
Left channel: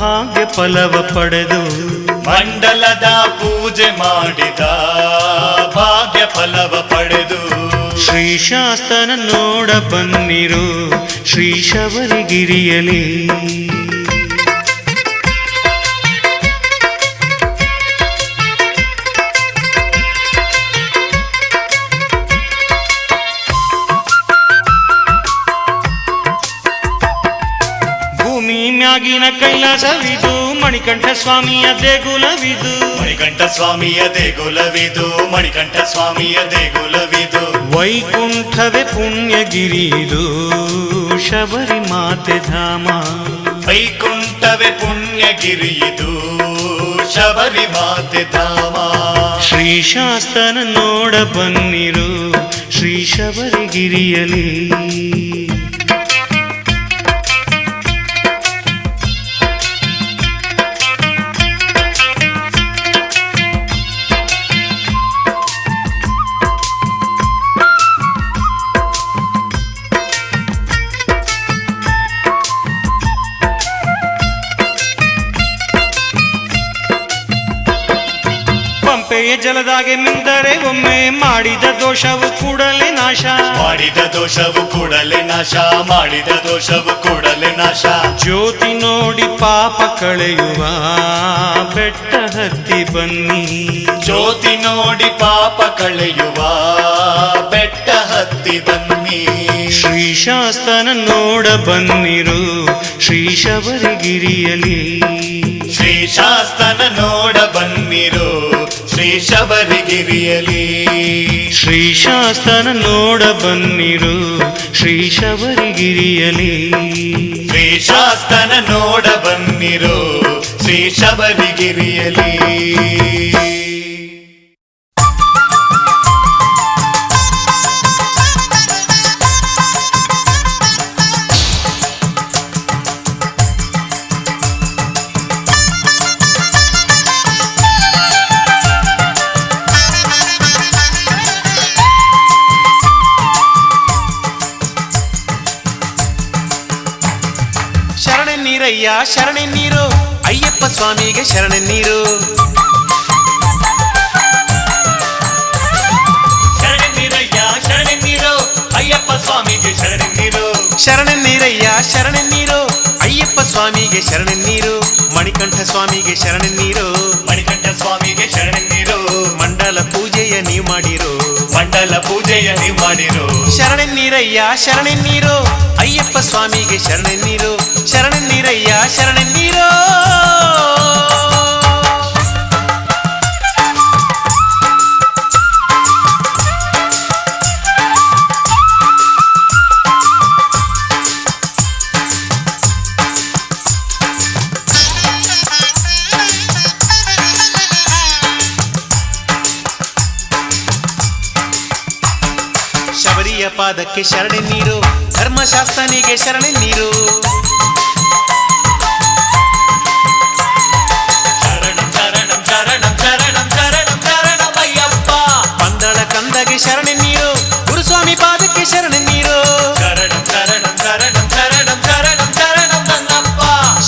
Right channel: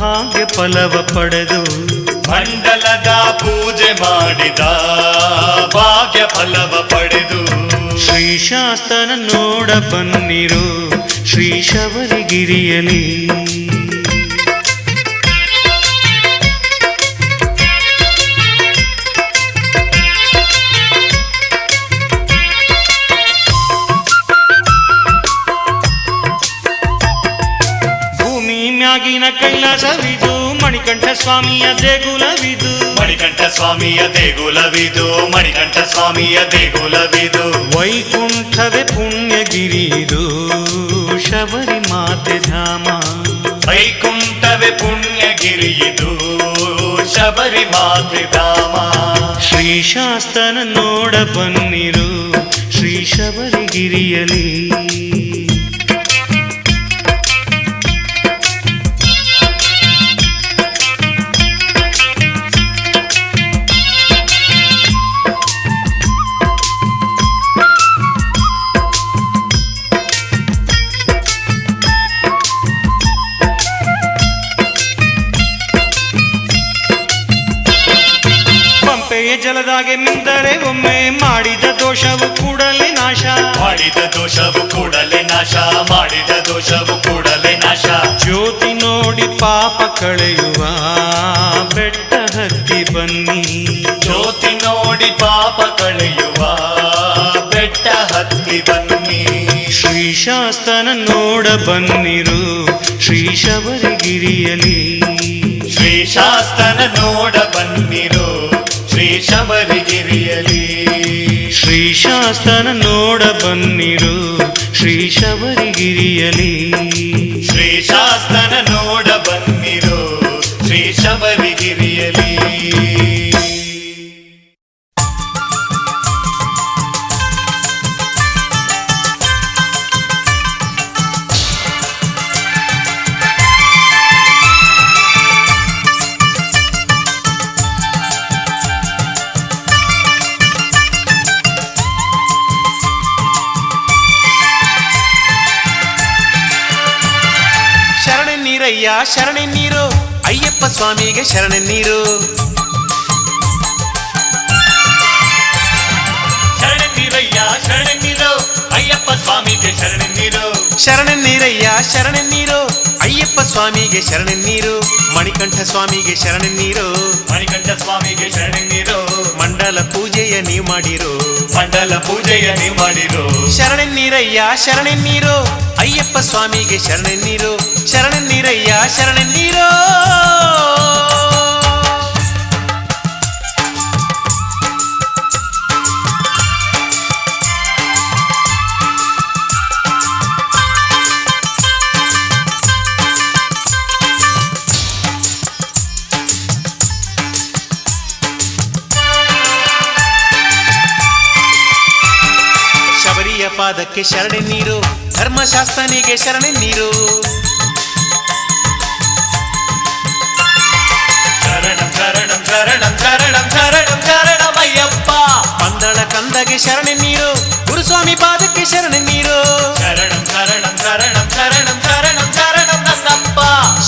ಭಾಗ್ಯ ಫಲವ ಪಡೆದು. ಮಂಡಲದ ಪೂಜೆ ಮಾಡಿದ ಭಾಗ್ಯ ಫಲವ ಪಡೆದು. ಶ್ರೀಶಾಸ್ತನ ನೋಡ ಬನ್ನಿರು ಶ್ರೀ ಶಬರಿಗಿರಿಯಲಿ. ಮ್ಯಾಗಿನ ಕೈಲಾಸವಿದು ಮಣಿಕಂಠ ಸ್ವಾಮಿಯ ದೇಗುಲವಿದು. ಮಣಿಕಂಠ ಸ್ವಾಮಿಯ ದೇಗುಲವಿದು, ಮಣಿಕಂಠ ಸ್ವಾಮಿಯ ದೇಗುಲವಿದು. ವೈಕುಂಠವೇ ಪುಣ್ಯಗಿರಿದು ಶಬರಿಮಾತೆ ಧಾಮ. ವೈಕುಂಠವೇ ಪುಣ್ಯಗಿರಿಯಿದು ಶಬರಿಮಾತೆ ಧಾಮ. ಶ್ರೀಶಾಸ್ತನ ನೋಡ ಬನ್ನಿರು ಶ್ರೀ ಶಬರಿಗಿರಿಯಲಿ. ಪಂಪೆಯ ಜಲದಾಗೆ ಮಿಂದರೆ ಒಮ್ಮೆ ಮಾಡಿದ ದೋಷವು ಕೂಡಲೇ ನಾಶ. ಮಾಡಿದ ದೋಷವು ಕೂಡಲೇ ನಾಶ. ಮಾಡಿದ ದೋಷವು ಕೂಡಲೇ ನಾಶ. ಜ್ಯೋತಿ ನೋಡಿ ಪಾಪ ಕಳೆಯುವ ಬೆಟ್ಟ ಹತ್ತಿ ಬನ್ನಿ. ಜ್ಯೋತಿ ನೋಡಿ ಪಾಪ ಕಳೆಯುವ ಬೆಟ್ಟ ಹತ್ತಿ ಬನ್ನಿ. ಶ್ರೀಶಾಸ್ತನ ನೋಡ ಬನ್ನಿರು ಶ್ರೀ ಶಬರಿಗಿರಿಯಲಿ. ಶ್ರೀಶಾಸ್ತನ ನೋಡ ಬನ್ನಿರು ಶ್ರೀ ಶಬರಿಗಿರಿಯಲಿ. ಶ್ರೀಶಾಸ್ತನ ನೋಡ ಬನ್ನಿರು ಶ್ರೀ ಶಬರಿಗಿರಿಯಲಿ. ಶ್ರೀಶಾಸ್ತನ ನೋಡ ಬನ್ನಿರು ಶ್ರೀ ಶಬರಿಗಿರಿಯಲಿ. ಶರಣೆನ್ನೀರಯ್ಯ ಶರಣೆನ್ನೀರು ಅಯ್ಯಪ್ಪ ಸ್ವಾಮಿಗೆ ಶರಣೆನ್ನೀರು. ಶರಣೆನ್ನೀರಯ್ಯ ಶರಣೆನ್ನೀರು ಅಯ್ಯಪ್ಪ ಸ್ವಾಮಿಗೆ ಶರಣೆನ್ನೀರು. ಶರಣೆನ್ನೀರಯ್ಯ ಶರಣೆನ್ನೀರು ಅಯ್ಯಪ್ಪ ಸ್ವಾಮಿಗೆ ಶರಣೆನ್ನೀರು. ಮಣಿಕಂಠ ಸ್ವಾಮಿಗೆ ಶರಣೆನ್ನೀರು. ಮಣಿಕಂಠ ಸ್ವಾಮಿಗೆ ಶರಣೆನ್ನೀರು. ಮಂಡಲ ಪೂಜೆಯ ನೀವು ಮಾಡಿರು. ಮಂಡಲ ಪೂಜೆಯ ನೀವು ಮಾಡಿರು. ಶರಣೆನ್ನೀರಯ್ಯ ಶರಣೆನ್ನೀರು ಅಯ್ಯಪ್ಪ ಸ್ವಾಮಿಗೆ ಶರಣೆನ್ನೀರು. ಶರಣೆನ್ನೀರಯ್ಯ ಶರಣೆನ್ನೀರು. ಶಬರಿಯ ಪಾದಕ್ಕೆ ಶರಣೆನ್ನೀರು. ಧರ್ಮಶಾಸ್ತ್ರನಿಗೆ ಶರಣೆನ್ನೀರು. ಶರಣಂ ಶರಣಂ ಶರಣಂ ಶರಣಂ ಶರಣಂ ಶರಣಮಯ್ಯಪ್ಪ. ಪಂದಳ ಕಂದಗೆ ಶರಣೆನ್ನೀರು. ಗುರುಸ್ವಾಮಿ ಪಾದಕ್ಕೆ ಶರಣೆನ್ನೀರು. ಶರಣಂ ಶರಣಂ ಶರಣಂ ಶರಣಂ ಶರಣಂ ಶರಣಂ ನನ್ನಪ್ಪ.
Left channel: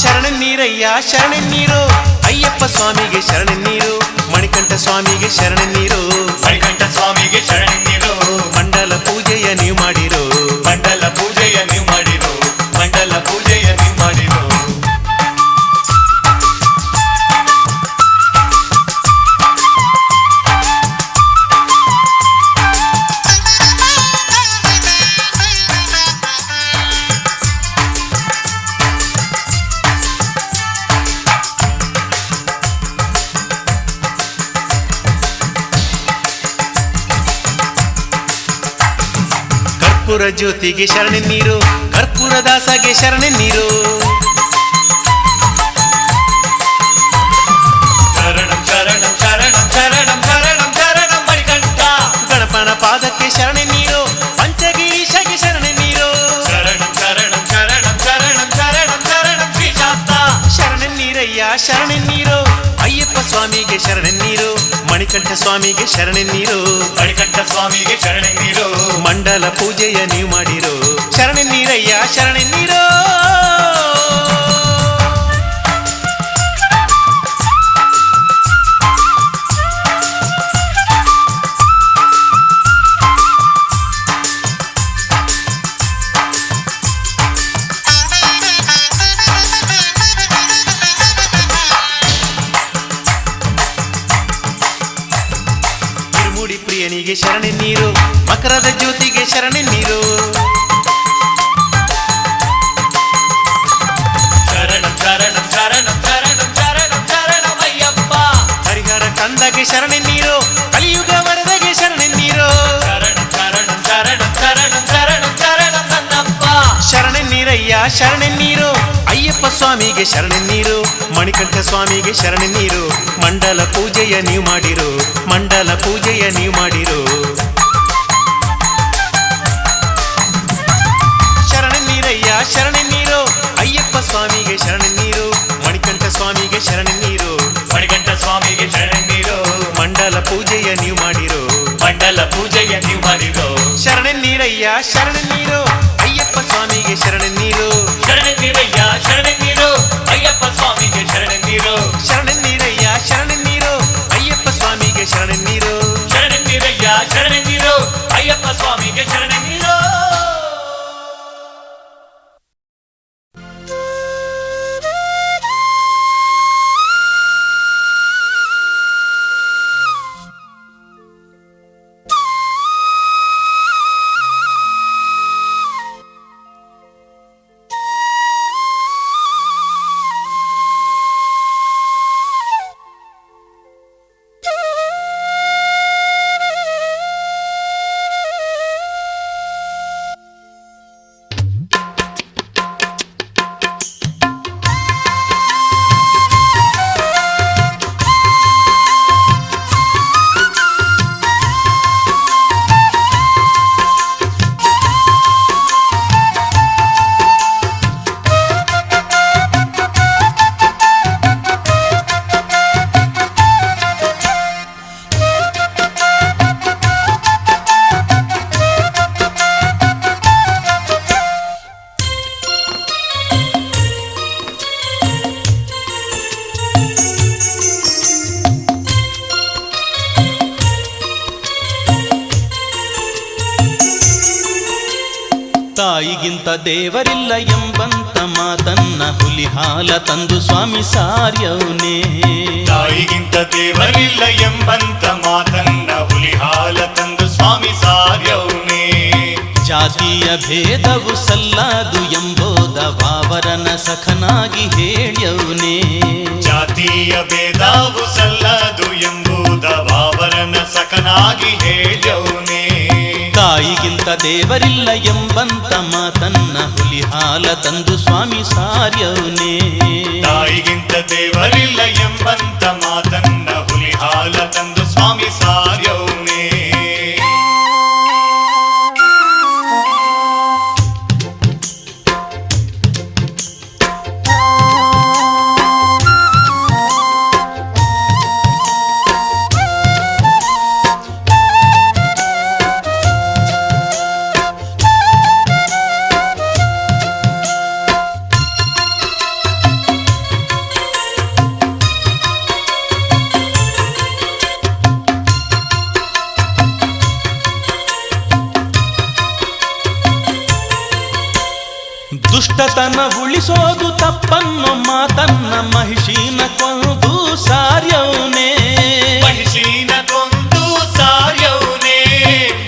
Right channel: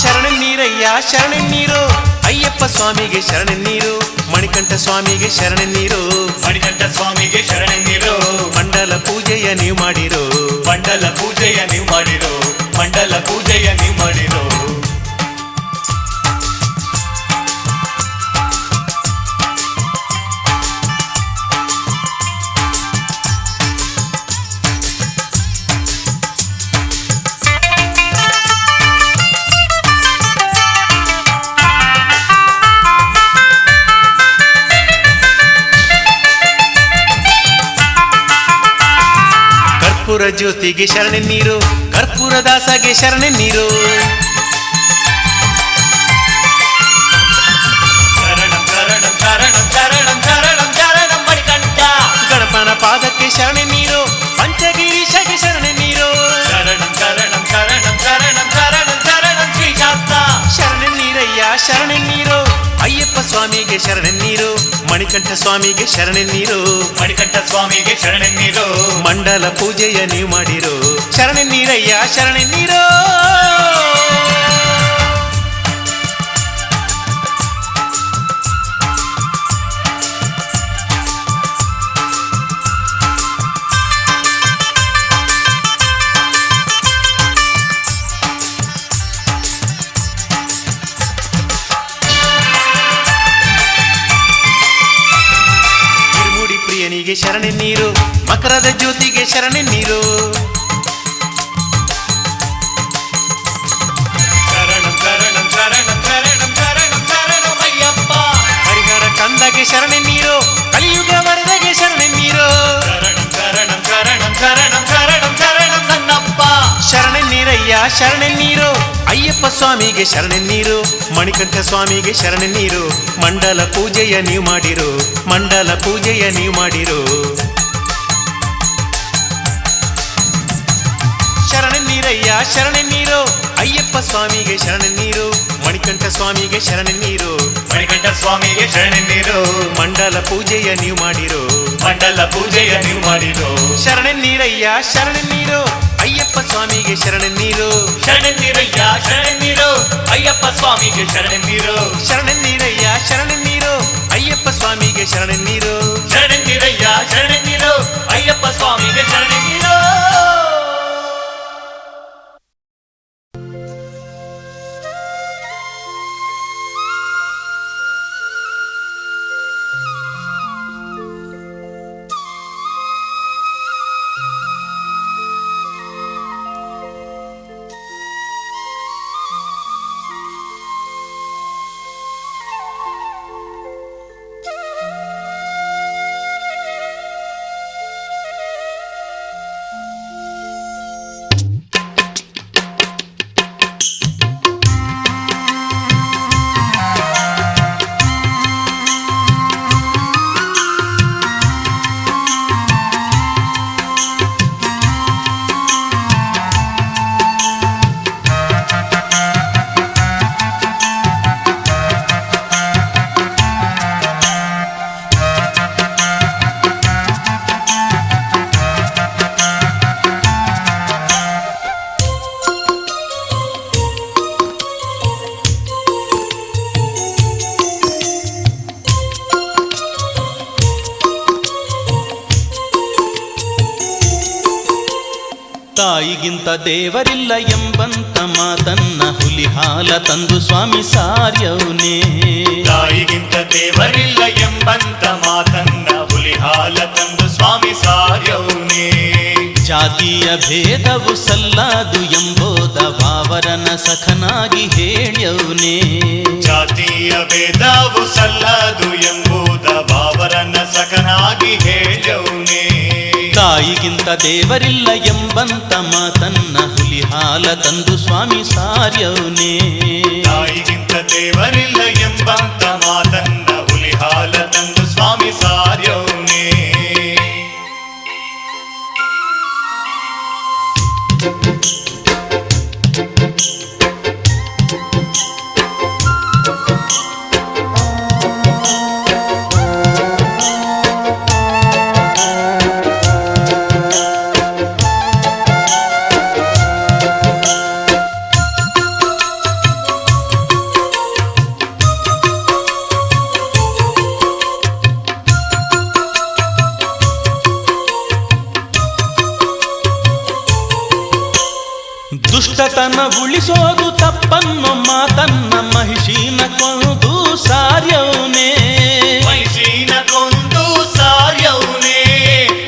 ಶರಣೆನ್ನೀರಯ್ಯ ಶರಣೆನ್ನೀರು ಅಯ್ಯಪ್ಪ ಸ್ವಾಮಿಗೆ ಶರಣೆನ್ನೀರು. ಮಣಿಕಂಠ ಸ್ವಾಮಿಗೆ ಶರಣೆನ್ನೀರು. ಮಣಿಕಂಠ ಸ್ವಾಮಿಗೆ ಶರಣೆನ್ನೀರು. ಮಂಡಲ ಪೂಜೆಯ ನೀವು ಮಾಡಿರು. ಮಂಡಲ ಪೂಜೆಯ ನೀವು ಮಾಡಿರು. ಮಂಡಲ ಪೂಜೆಯ ನೀವು ಮಾಡಿರು. ಕರ್ಪೂರ ಜ್ಯೋತಿಗೆ ಶರಣೆನ್ನೀರು. ಕರ್ಪೂರ ದಾಸಗೆ ಶರಣೆನ್ನೀರು. ಶರಣಂ ಶರಣಂ ಶರಣಂ ಶರಣಂ ಶರಣಂ ಶರಣಂ ಮಣಿಕಂಠ. ಗಣಪನ ಪಾದಕ್ಕೆ ಶರಣೆನ್ನೀರು. ಪಂಚಗಿರೀಶಗೆ ಶರಣೆನ್ನೀರು. ಶರಣಂ ಶರಣಂ ಶರಣಂ ಶರಣಂ ಶರಣಂ ಶರಣಂ ಶ್ರೀಶಾಸ್ತ. ಶರಣೆನ್ನೀರಯ್ಯ ಶರಣೆನ್ನೀರು ಅಯ್ಯಪ್ಪ ಸ್ವಾಮಿಗೆ ಶರಣೆನ್ನೀರು. ಮಣಿಕಂಠ ಸ್ವಾಮಿಗೆ ಶರಣೆನ್ನೀರು. ಮಣಿಕಂಠ ಸ್ವಾಮಿಗೆ ಶರಣೆನ್ನೀರು. ಮಂಡಲ ಪೂಜೆಯ ನೀವು ಮಾಡಿರು. ಶರಣೆನ್ನೀರಯ್ಯ ಶರಣೆನ್ನೀರು. ಇರುಮುಡಿ ಪ್ರಿಯನಿಗೆ ಶರಣೆನ್ನೀರು. ಮಕರದ ಜ್ಯೋತಿಗೆ ಶರಣೆನ್ನೀರು. ಶರಣಂ ಶರಣಂ ಶರಣಂ ಶರಣಂ ಶರಣಂ ಶರಣಮಯ್ಯಪ್ಪ. ಹರಿಹರ ಕಂದಗೆ ಶರಣೆನ್ನೀರು. ಕಲಿಯುಗ ವರದಗೆ ಶರಣೆನ್ನೀರು. ಶರಣಂ ಶರಣಂ ಶರಣೆನ್ನೀರಯ್ಯ ಶರಣೆನ್ನೀರು ಅಯ್ಯಪ್ಪ ಸ್ವಾಮಿಗೆ ಶರಣೆನ್ನೀರು ಮಣಿಕಂಠ ಸ್ವಾಮಿಗೆ ಶರಣೆನ್ನೀರು ಮಂಡಲ ಪೂಜೆಯ ನೀವು ಮಾಡಿರು ಮಂಡಲ ಪೂಜೆಯ ನೀವು ಮಾಡಿರು ಶರಣೆನ್ನೀರಯ್ಯ ಶರಣೆನ್ನೀರು ಅಯ್ಯಪ್ಪ ಸ್ವಾಮಿಗೆ ಶರಣೆನ್ನೀರು ಮಣಿಕಂಠ ಸ್ವಾಮಿಗೆ ಶರಣೆನ್ನೀರು ಮಣಿಕಂಠ ಸ್ವಾಮಿಗೆ ಶರಣೆನ್ನೀರು ಮಂಡಲ ಪೂಜೆಯ ನೀವು ಮಾಡಿರು ಮಂಡಲ ಪೂಜೆಯ ನೀವು ಮಾಡಿರು ಶರಣೆನ್ನೀರಯ್ಯ ಶರಣೆನ್ನೀರು ಅಯ್ಯಪ್ಪ ಸ್ವಾಮಿಗೆ ಶರಣೆನ್ನೀರು ಶರಣೆನ್ನೀರಯ್ಯ ಶರಣೆನ್ನೀರು ಅಯ್ಯಪ್ಪ ಸ್ವಾಮಿಗೆ ಶರಣೆನ್ನೀರು ಶರಣೆನ್ನೀರಯ್ಯ ಶರಣೆನ್ನೀರು ಅಯ್ಯಪ್ಪ ಸ್ವಾಮಿಗೆ ಶರಣೆನ್ನೀರು ಶರಣೆನ್ನೀರಯ್ಯ ಶರಣೆನ್ನೀರು ಅಯ್ಯಪ್ಪ ಸ್ವಾಮಿಗೆ ಶರಣೆನ್ನೀರು ತಾಯಿಗಿಂತ ದೇವರಿಲ್ಲ ಎಂಬಂತ ಮಾತನ್ನ ಹುಲಿ ಹಾಲ ತಂದು ಸ್ವಾಮಿ ಸಾರ್ಯವನೇ ತಾಯಿಗಿಂತ ದೇವರಿಲ್ಲ ಎಂಬಂತ ಮಾತನ್ನ ಹುಲಿ ಹಾಲ ತಂದು ಸ್ವಾಮಿ ಸಾರ್ಯವನೇ ಜಾತಿಯ ಭೇದವು ಸಲ್ಲದು ಎಂಬೋದ ವಾವರನ ಸಖನಾಗಿ ಹೇಳ್ಯವನೇ ಜಾತಿಯ ಭೇದವು ಸಲ್ಲದು ಎಂಬುದ ಬಾಬರನ ಸಖನಾಗಿ ಹೇಳ್ಯವನೇ ತಾಯಿಗಿಂತ ದೇವರಿಲ್ಲ ಎಂಬಂತ ಮಾತನ್ನ ಹುಲಿ ಹಾಲ ತಂದು ಸ್ವಾಮಿ ಸಾರ್ಯವನೇ ತಾಯಿಗಿಂತ ದೇವರಿಲ್ಲ ಎಂಬಂತ ಮಾತನ್ನ ಹುಲಿ ಹಾಲ ತಂದು ಸ್ವಾಮಿ ಸಾರ್ಯವನೇ ದುಷ್ಟತನ ಉಳಿಸೋದು ತಪ್ಪನ್ನೋ ಮಾತನ್ನ ಮಹಿಷೀನ ಕೊಂದು ಸಾರ್ಯವನೇ ಮಹಿಷೀನ ಕೊಂದು ಸಾರ್ಯವನೇ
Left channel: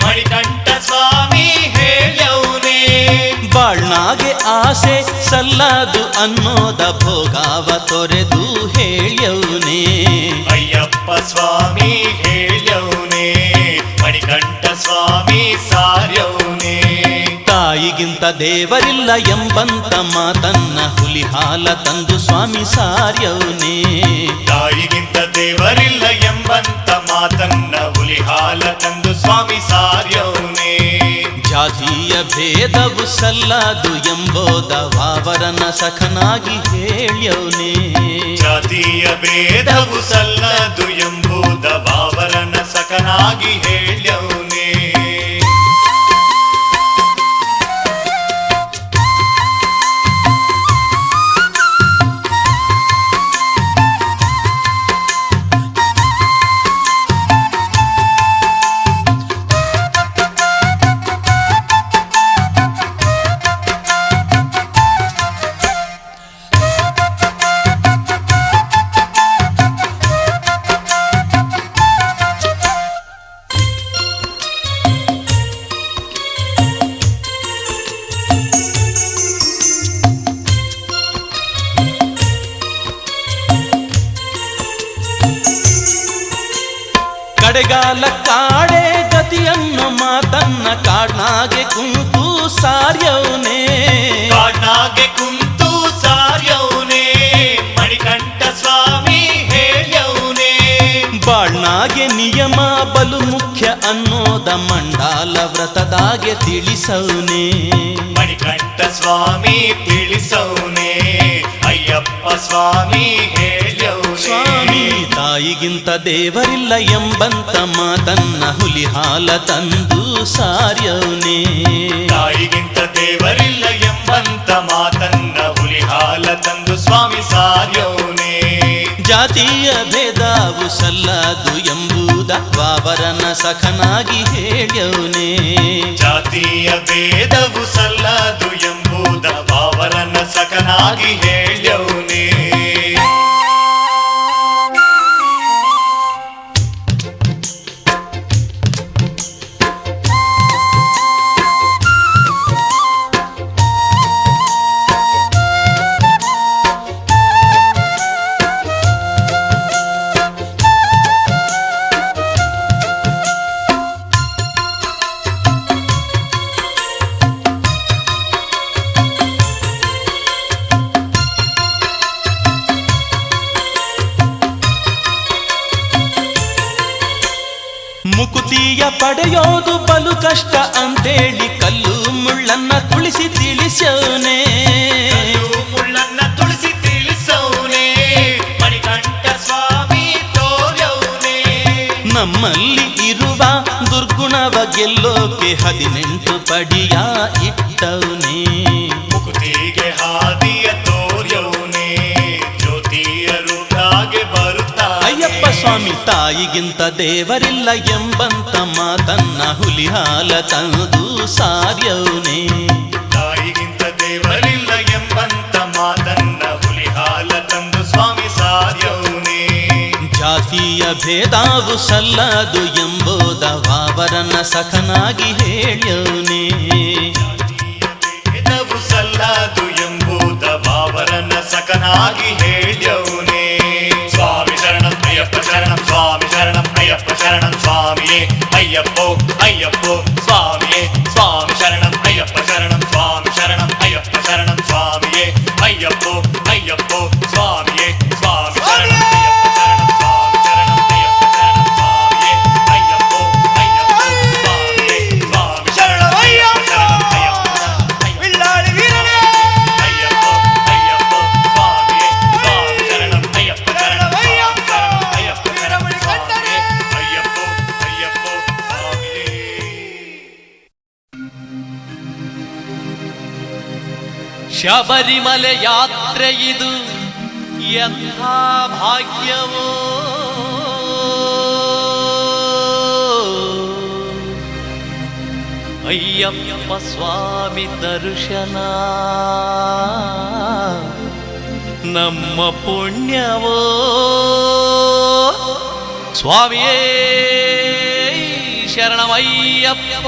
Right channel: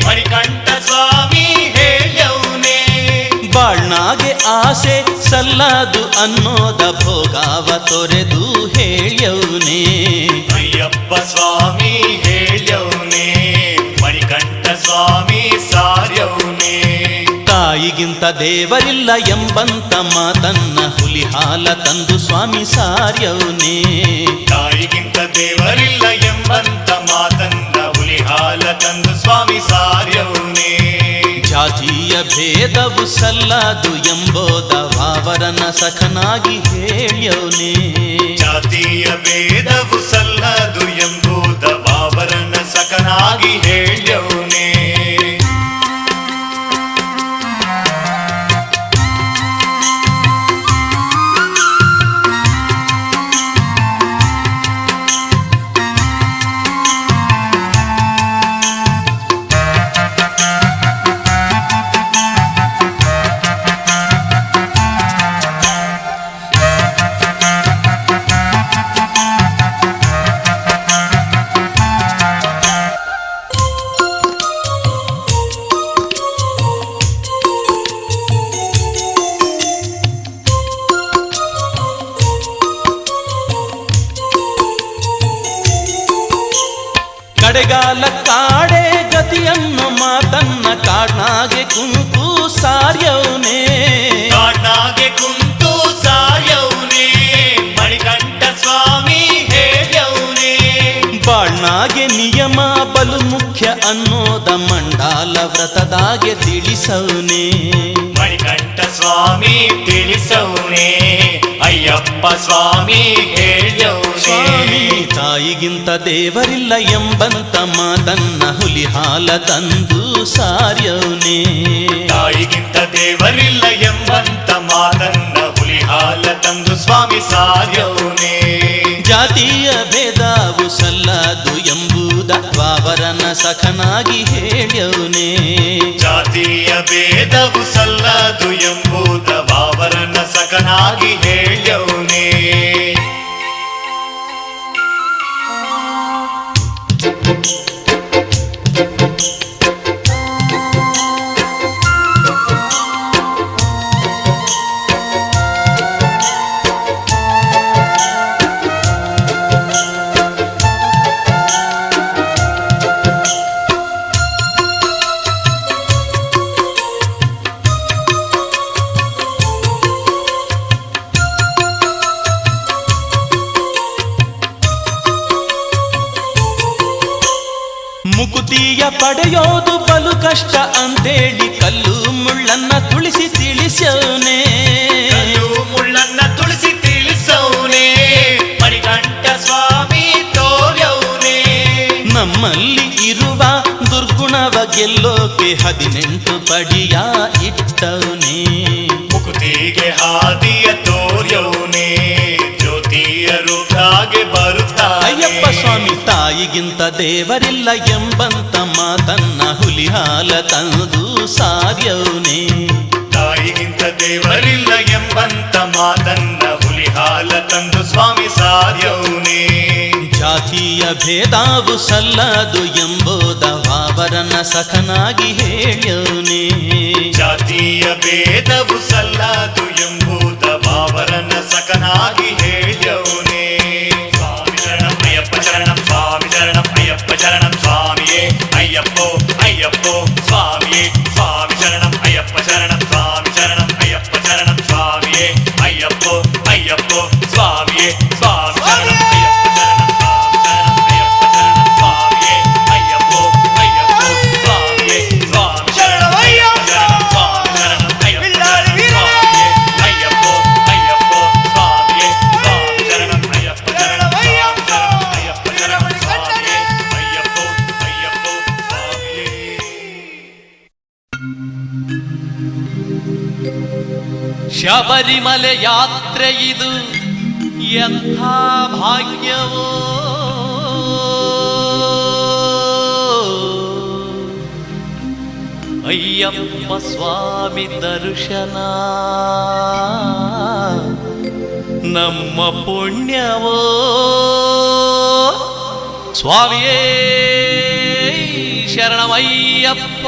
ಮಣಿಕಂಠ ಸ್ವಾಮಿ ಹೇಳ್ಯವನೇ ಬಾಳ್ನಾಗೆ ಆಸೆ ಸಲ್ಲದು ಅನ್ನೋದ ಭೋಗಾವ ತೊರೆದು ಹೇಳ್ಯವನೇ ಅಯ್ಯಪ್ಪ ಸ್ವಾಮಿ ಹೇಳ್ಯವನೇ ಮಣಿಕಂಠ ಸ್ವಾಮಿ ಸಾರ್ಯವನೇ ತಾಯಿಗಿಂತ ದೇವರಿಲ್ಲ ಎಂಬಂತ ಮಾತನ್ನ ಹುಲಿ ಹಾಲ ತಂದು ಸ್ವಾಮಿ ಸಾರ್ಯವನೇ ತಾಯಿಗಿಂತ ದೇವರಿಲ್ಲ ಎಂಬಂತ ಮಾತನ್ನ ಹುಲಿ ಹಾಲ ತಂದು ಸ್ವಾಮಿ ಸಾರ್ಯವನೇ ಜಾತಿಯ ಭೇದವು ಸಲ್ಲದು ಎಂಬೋದ ವಾವರನ ಸಖನಾಗಿ ಹೇಳ್ಯವನೇ ಜಾತಿಯ ಭೇದವು ಸಲ್ಲದು ಎಂಬುದ ಬಾಬರನ ಸಖನಾಗಿ ಹೇಳ್ಯವನೇ ಕಡೆಗಾಲ ಕಾಡೆ ಗತಿಯನ್ನು ಮಾತನ್ನ ಕಾಡ್ನಾಗೆ ಕುಂತು ಸಾರ್ಯವನೇ ಕಾಡ್ನಾಗೆ ಕುಂತು ಸಾರ್ಯವನೇ ಮಣಿಕಂಠ ಸ್ವಾಮಿ ಹೇಳ್ಯವನೇ ಬಾಳ್ನಾಗೆ ನಿಯಮ ಬಲು ಮುಖ್ಯ ಅನ್ನೋದ ಮಂಡಾಲ ವ್ರತದಾಗೆ ತಿಳಿಸವನೇ ಮಣಿಕಂಠ ಸ್ವಾಮಿ ತಿಳಿಸವನೇ ಅಯ್ಯಪ್ಪ ಸ್ವಾಮಿ ಹೇಳ್ಯವನೇ ಸ್ವಾಮಿ ತಾಯಿಗಿಂತ ದೇವರಿಲ್ಲ ಎಂಬಂತ ಮಾತನ್ನ ಹುಲಿ ಹಾಲ ತಂದು ಸಾರ್ಯವನೇ ತಾಯಿಗಿಂತ ದೇವರಿಲ್ಲ ಎಂಬಂತ ಮಾತನ್ನ ಹುಲಿ ಹಾಲ ತಂದು ಸ್ವಾಮಿ ಸಾರ್ಯವನೇ ಜಾತಿಯ ಭೇದವು ಸಲ್ಲದು ಎಂಬುದ ವಾವರನ ಸಖನಾಗಿ ಹೇಳ್ಯವನೇ ಜಾತಿಯ ಭೇದವು ಸಲ್ಲದು ಎಂಬುದ ಬಾವರನ ಸಖನಾಗಿ ಹೇಳ್ಯವನೇ ಮುಕುತಿಯ ಪಡೆಯೋದು ಬಲು ಕಷ್ಟ ಅಂತೇಳಿ ಕಲ್ಲು ಮುಳ್ಳನ್ನ ತುಳಿಸಿ ತಿಳಿಸವನೇ ಕಲ್ಲು ಮುಳ್ಳನ್ನ ತುಳಸಿ ತಿಳಿಸವನೇ ಮಣಿಕಂಠ ಸ್ವಾಮಿ ತೋರ್ಯವನೇ ನಮ್ಮಲ್ಲಿ ಇರುವ ದುರ್ಗುಣವ ಗೆಲ್ಲೋಕೆ 18 ಪಡಿಯ ಇಟ್ಟವನೇ ಮುಕುತಿಗೆ ಹಾದಿಯ ತೋರ್ಯವನೇ ಜ್ಯೋತಿಯ ರೂಪಾಗೆ ಬರುತ್ತಾ ಅಯ್ಯಪ್ಪ ಸ್ವಾಮಿ ತಾಯಿಗಿಂತ ದೇವರಿಲ್ಲ ಎಂಬಂತ ಮಾತನ್ನ ಹುಲಿ ಹಾಲ ತಂದು ಸಾರ್ಯವನೇ ತಾಯಿಗಿಂತ ದೇವರಿಲ್ಲ ಎಂಬಂತ ಮಾತನ್ನ ಹುಲಿ ಹಾಲ ತಂದು ಸ್ವಾಮಿ ಸಾರ್ಯವನೇ ಜಾತಿಯ ಭೇದವು ಸಲ್ಲದು ಎಂಬುದ ವಾವರನ ಸಖನಾಗಿ ಹೇಳ್ಯವನೇ ಜಾತಿಯ ಭೇದವು ಸಲ್ಲದು ಎಂಬುದ ಬಾವರನ ಸಖನಾಗಿ ಹೇಳ್ಯವನೇ ಸ್ವಾಮಿ ಶರಣಂ ಅಯ್ಯಪ್ಪ ಶರಣಂ ಸ್ವಾಮಿ ಶರಣಂ ಅಯ್ಯಪ್ಪ ಶರಣಂ ಸ್ವಾಮಿಯೇ ಅಯ್ಯಪ್ಪೋ ಅಯ್ಯಪ್ಪೋ ಸ್ವಾಮಿಯೇ ಸ್ವಾಮಿ ಶರಣಂ ಅಯ್ಯಪ್ಪ ಶರಣಂ ಸ್ವಾಮಿ ಶರಣಂ ಅಯ್ಯಪ್ಪ ಶರಣಂ ಸ್ವಾಮಿಯೇ ಅಯ್ಯಪ್ಪೋ ಅಯ್ಯಪ್ಪೋ ಸ್ವಾಮಿಯೇ ಸ್ವಾಮಿ ಶಬರಿಮಲೆ ಯಾತ್ರೆ ಇದು ಎಂಥ ಭಾಗ್ಯವೋ ಅಯ್ಯಪ್ಪ ಸ್ವಾಮಿ ದರ್ಶನ ನಮ್ಮ ಪುಣ್ಯವೋ ಸ್ವಾಮಿಯೇ ಶರಣಮಯ್ಯಪ್ಪ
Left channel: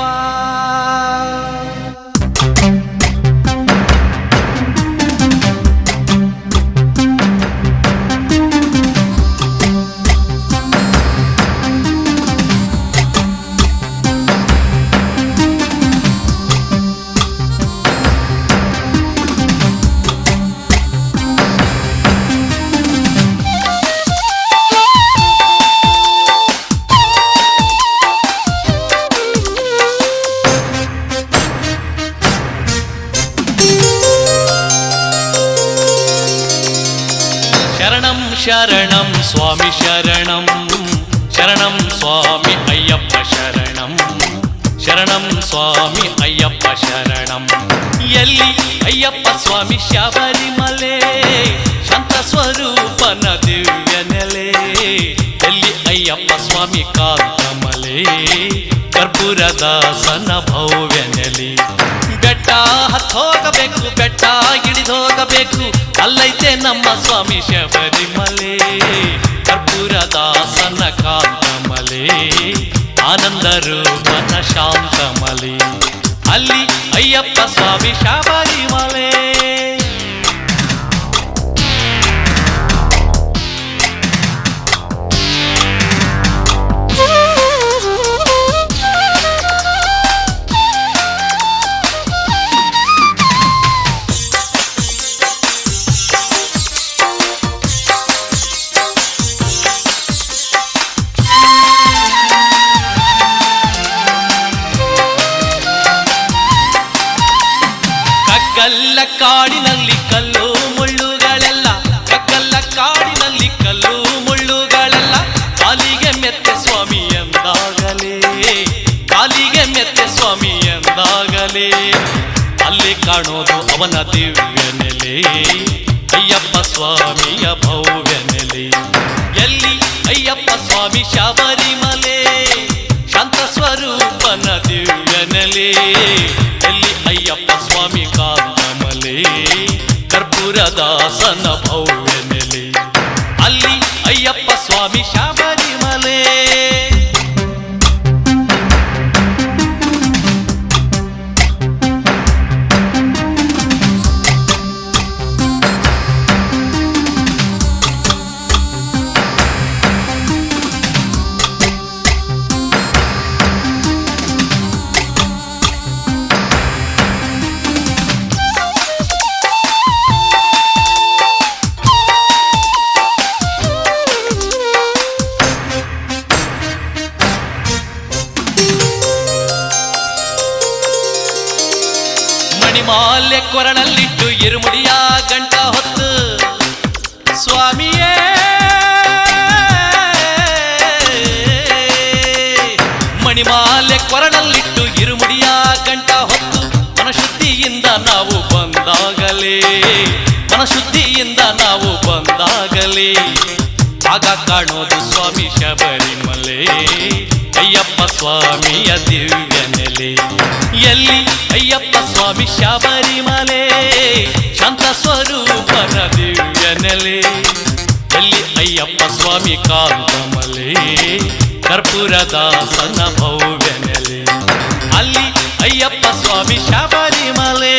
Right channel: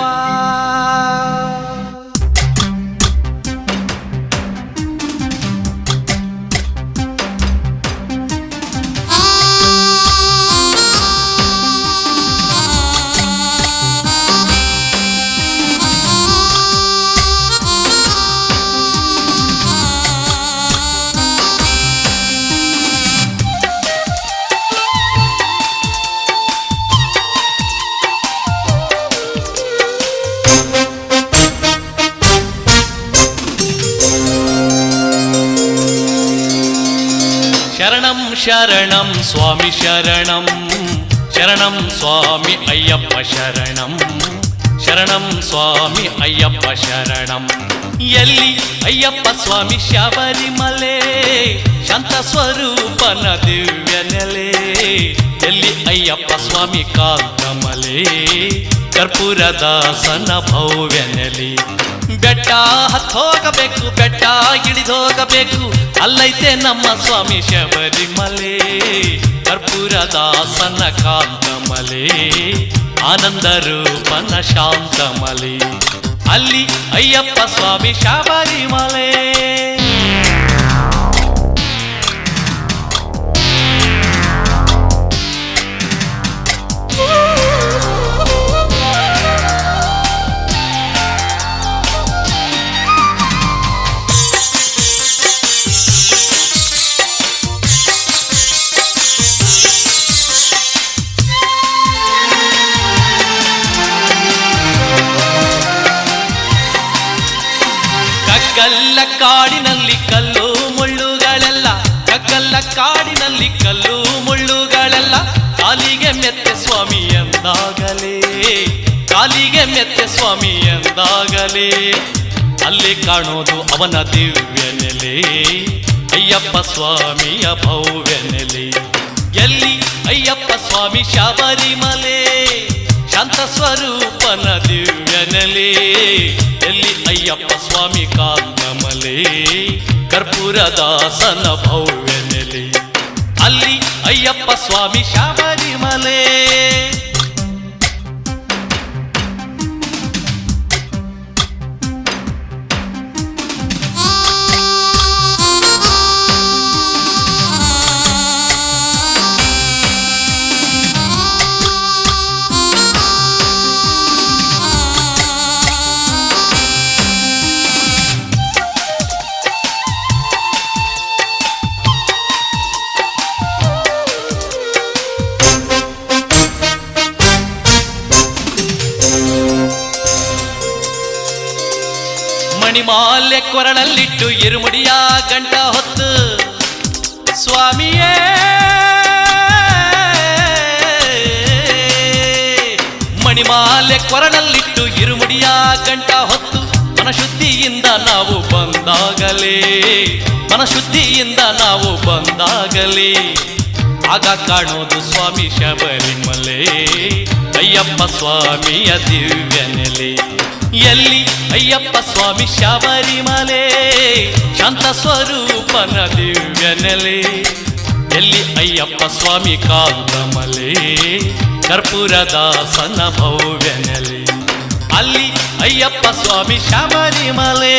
ಶರಣಂ ಶರಣಂ ಸ್ವಾಮಿ ಶರಣಂ ಶರಣಂ ಸ್ವಾಮಿ ಅಯ್ಯಪ್ಪ ಶರಣಂ ಶರಣಂ ಸ್ವಾಮಿ ಅಯ್ಯಪ್ಪ ಶರಣಂ ಎಲ್ಲಿ ಅಯ್ಯಪ್ಪ ಸ್ವಾಮಿ ಶಬರಿಮಲೆ ಶಾಂತ ಸ್ವರೂಪನ ದಿವ್ಯ ನೆಲೆ ಎಲ್ಲಿ ಅಯ್ಯಪ್ಪ ಸ್ವಾಮಿ ಕಾಂತಮಲೆ ಕರ್ಪೂರದಾಸನ ಭವ್ಯ ನೆಲೆ ಬೆಟ್ಟ ಹತ್ತೋಗಬೇಕು ಬೆಟ್ಟ ಇಳಿದೋಗಬೇಕು ಅಲ್ಲೈತೆ ನಮ್ಮ ಸ್ವಾಮಿ ಶಬರಿಮಲೆ ಕರ್ಪೂರದಾಸನ ಕಾಂತಮಲೆ ಆನಂದ ರೂಪನ ಶಾಂತಮಲೆ ಅಲ್ಲಿ ಅಯ್ಯಪ್ಪ ಸ್ವಾಮಿ ಶಬರಿಮಲೆ ಕಾಡಿನಲ್ಲಿ ಕಲ್ಲು ಮುಳ್ಳುಗಳೆಲ್ಲ ಕಗ್ಗಲ್ಲ ಕಾಡಿನಲ್ಲಿ ಕಲ್ಲು ಮುಳ್ಳುಗಳೆಲ್ಲ ಕಾಲಿಗೆ ಮೆತ್ತೆ ಸ್ವಾಮಿ ಎಂದಾಗಲೇ ಕಾಲಿಗೆ ಮೆತ್ತೆ ಸ್ವಾಮಿ ಎಂದಾಗಲೇ ಅಲ್ಲಿ ಕಾಣೋದು ಅವನ ದಿವ್ಯ ನೆಲೆ ಅಯ್ಯಪ್ಪ ಸ್ವಾಮಿಯ ಭವ್ಯ ನೆಲೆ ಎಲ್ಲಿ ಅಯ್ಯಪ್ಪ ಸ್ವಾಮಿ ಶಬರಿಮಲೆ ಶಾಂತ ಸ್ವರೂಪನ ದಿವ್ಯ ನೆಲೆ ಎಲ್ಲಿ ಅಯ್ಯಪ್ಪ ಸ್ವಾಮಿ ಕಾಂತಮಲೆ ಕರ್ಪೂರದಾಸನ ಭವ್ಯ ನೆಲೆ ಅಲ್ಲಿ ಅಯ್ಯಪ್ಪ ಸ್ವಾಮಿ ಶಬರಿಮಲೆ ಮಣಿಮಾಲ್ಯ ಕೊರಳಲ್ಲಿಟ್ಟು ಇರುಮುಡಿಯ ಗಂಟ ಹೊತ್ತು ಸ್ವಾಮಿಯೇ ಮಣಿಮಾಲ್ಯ ಕೊರಳಲ್ಲಿಟ್ಟು ಇರುಮುಡಿಯ ಗಂಟ ಹೊತ್ತು ಮನಶುದ್ಧಿಯಿಂದ ನಾವು ಬಂದಾಗಲೇ ಮನಶುದ್ಧಿಯಿಂದ ನಾವು ಬಂದಾಗಲೇ ಆಗ ಕಾಣೋದು ಸ್ವಾಮಿ ಶಬರಿಮಲೆ ಅಯ್ಯಪ್ಪ ಸ್ವಾಮಿಯ ದಿವ್ಯ ನೆಲೆ ಎಲ್ಲಿ ಅಯ್ಯಪ್ಪ ಸ್ವಾಮಿ ಶಬರಿಮಲೆ ಶಾಂತ ಸ್ವರೂಪನ ದಿವ್ಯ ನೆಲೆ ಎಲ್ಲಿ ಅಯ್ಯಪ್ಪ ಸ್ವಾಮಿ ಕಾಂತಮಲೆ ಕರ್ಪೂರದಾಸನ ಭವ್ಯ ನೆಲೆ ಅಲ್ಲಿ ಅಯ್ಯಪ್ಪ ಸ್ವಾಮಿ ಶಬರಿಮಲೆ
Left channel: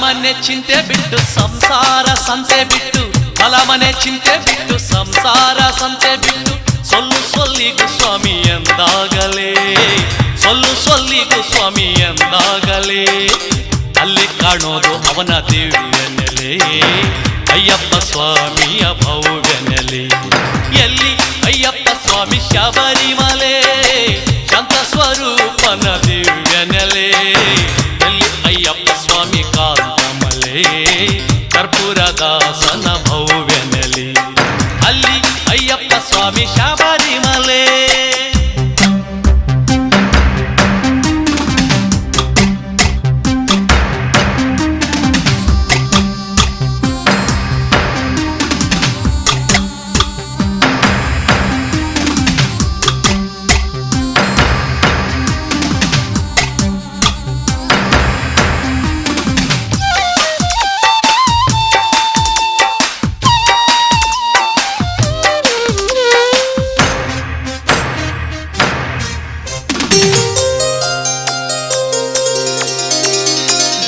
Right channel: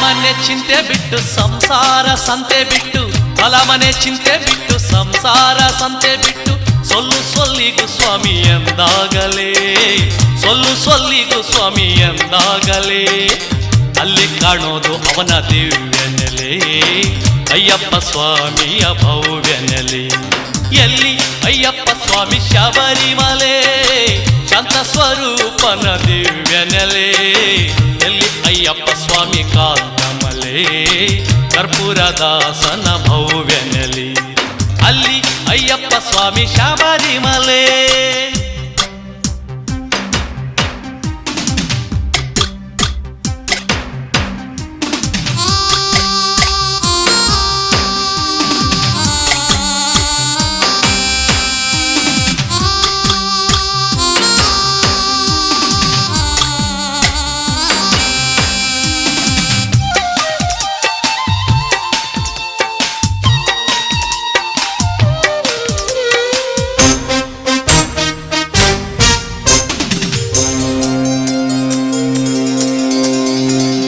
ಮನೆ ಚಿಂತೆ ಬಿಟ್ಟು ಸಂಸಾರ ಸಂತೆ ಬಿಟ್ಟು ಮನೆ ಚಿಂತೆ ಬಿಟ್ಟು ಸಂಸಾರ ಸಂತೆ ಬಿಟ್ಟು ಸೊಲ್ಲಿಗೂ ಸ್ವಾಮಿ ಎಂದಾಗಲೇ ಸೊಲ್ಲಿಗೂ ಸ್ವಾಮಿ ಎಂದಾಗಲೇ ಅಲ್ಲಿ ಕಾಣೋದು ಅವನ ದಿವ್ಯ ನೆಲೆ ಅಯ್ಯಪ್ಪ ಸ್ವಾಮಿಯ ಭವ್ಯ ನೆಲೆ ಎಲ್ಲಿ ಅಯ್ಯಪ್ಪ ಸ್ವಾಮಿ ಶಬರಿಮಲೆ ಶಾಂತ ಸ್ವರೂಪನ ದಿವ್ಯ ನೆಲೆ ಎಲ್ಲಿ ಅಯ್ಯಪ್ಪ ಸ್ವಾಮಿ ಕಾಂತಮಲೆ ಕರ್ಪೂರದಾಸನ ಭವ್ಯ ನೆಲೆ ಅಲ್ಲಿ ಅಯ್ಯಪ್ಪ ಸ್ವಾಮಿ ಶಬರಿಮಲೆ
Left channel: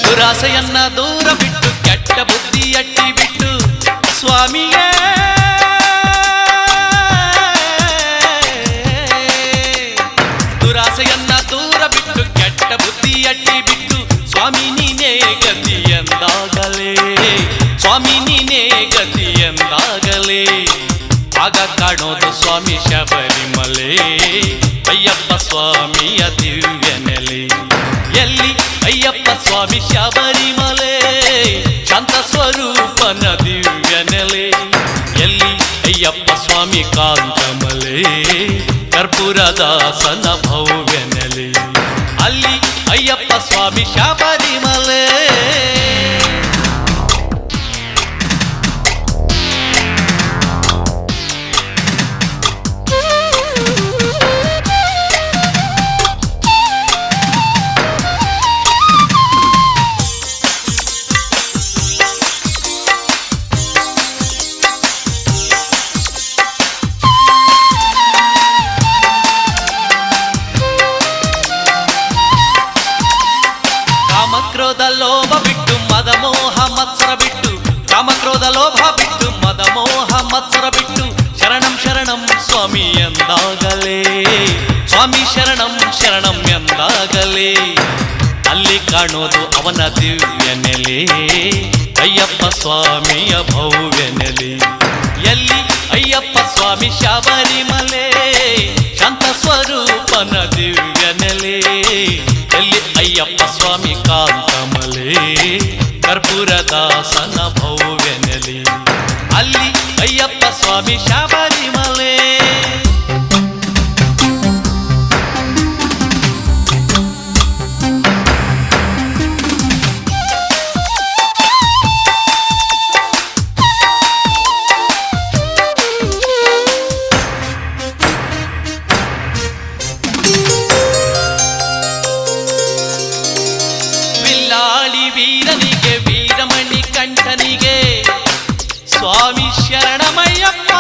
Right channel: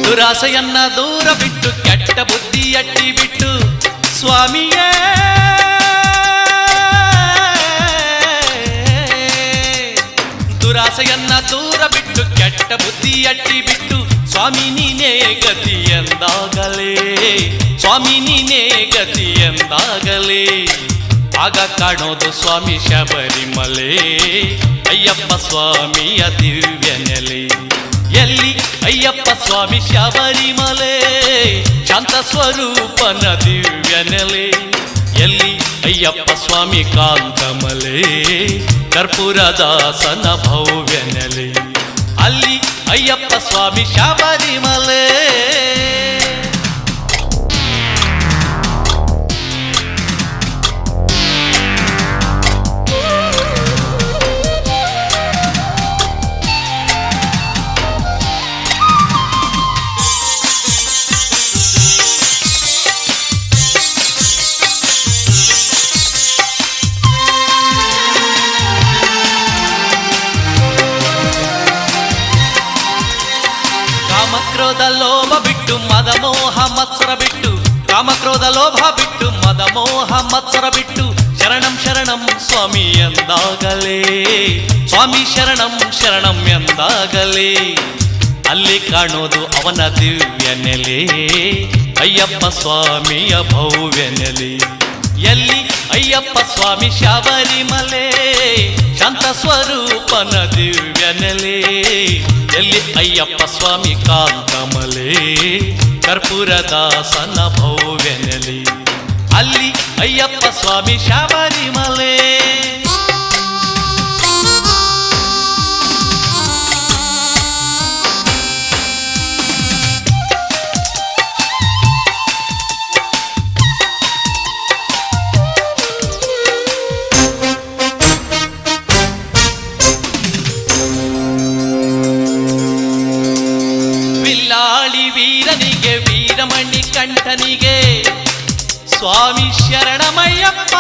ದುರಾಸೆಯನ್ನ ದೂರ ಬಿಟ್ಟು ಕೆಟ್ಟ ಬುದ್ಧಿ ಅಟ್ಟಿ ಬಿಟ್ಟು ಸ್ವಾಮಿಯೇ ದುರಾಸೆಯನ್ನ ದೂರ ಬಿಟ್ಟು ಕೆಟ್ಟ ಬುದ್ಧಿ ಅಟ್ಟಿ ಬಿಟ್ಟು ಸ್ವಾಮಿ ನೀನೇ ಗತಿ ಎಂದಾಗಲೇ ಸ್ವಾಮಿ ನೀನೇ ಗತಿ ಎಂದಾಗಲೇ ಆಗ ಕಾಣೋದು ಸ್ವಾಮಿ ಶಬರಿಮಲೆ ಅಯ್ಯಪ್ಪ ಸ್ವಾಮಿಯ ದಿವ್ಯ ನೆಲೆ ಎಲ್ಲಿ ಅಯ್ಯಪ್ಪ ಸ್ವಾಮಿ ಶಬರಿಮಲೆ ಶಾಂತ ಸ್ವರೂಪನ ದಿವ್ಯ ನೆಲೆ ಎಲ್ಲಿ ಅಯ್ಯಪ್ಪ ಸ್ವಾಮಿ ಕಾಂತಮಲೆ ಕರ್ಪೂರದಾಸನ ಭವ್ಯ ನೆಲೆ ಅಲ್ಲಿ ಅಯ್ಯಪ್ಪ ಸ್ವಾಮಿ ಶಬರಿಮಲೆ ಕಾಮಕ್ರೋಧ ಲೋಭ ಬಿಟ್ಟು ಮದ ಮೋಹ ಮತ್ಸರ ಬಿಟ್ಟು ಕಾಮಕ್ರೋಧ ಲೋಭ ಬಿಟ್ಟು ಮದ ಮೋಹ ಮತ್ಸರ ಬಿಟ್ಟು ಶರಣಂ ಶರಣಂ ಸ್ವಾಮಿ ಎಂದಾಗಲೇ ಸ್ವಾಮಿ ಶರಣಂ ಶರಣಂ ಎಂದಾಗಲೇ ಅಲ್ಲಿ ಕಾಣೋದು ಅವನ ದಿವ್ಯ ನೆಲೆ ಅಯ್ಯಪ್ಪ ಸ್ವಾಮಿಯ ಭವ್ಯ ನೆಲೆ ಎಲ್ಲಿ ಅಯ್ಯಪ್ಪ ಸ್ವಾಮಿ ಶಬರಿಮಲೆ ಶಾಂತ ಸ್ವರೂಪನ ದಿವ್ಯ ನೆಲೆ ಎಲ್ಲಿ ಅಯ್ಯಪ್ಪ ಸ್ವಾಮಿ ಕಾಂತಮಲೆ ಕರ್ಪೂರದಾಸನ ಭವ್ಯ ನೆಲೆ ಅಲ್ಲಿ ಅಯ್ಯಪ್ಪ ಸ್ವಾಮಿ ಶಬರಿಮಲೆ ವೀರನಿಗೆ ವೀರಮಣಿ ಕಂಠನಿಗೆ ಸ್ವಾಮಿ ಶರಣಮಯ್ಯಪ್ಪ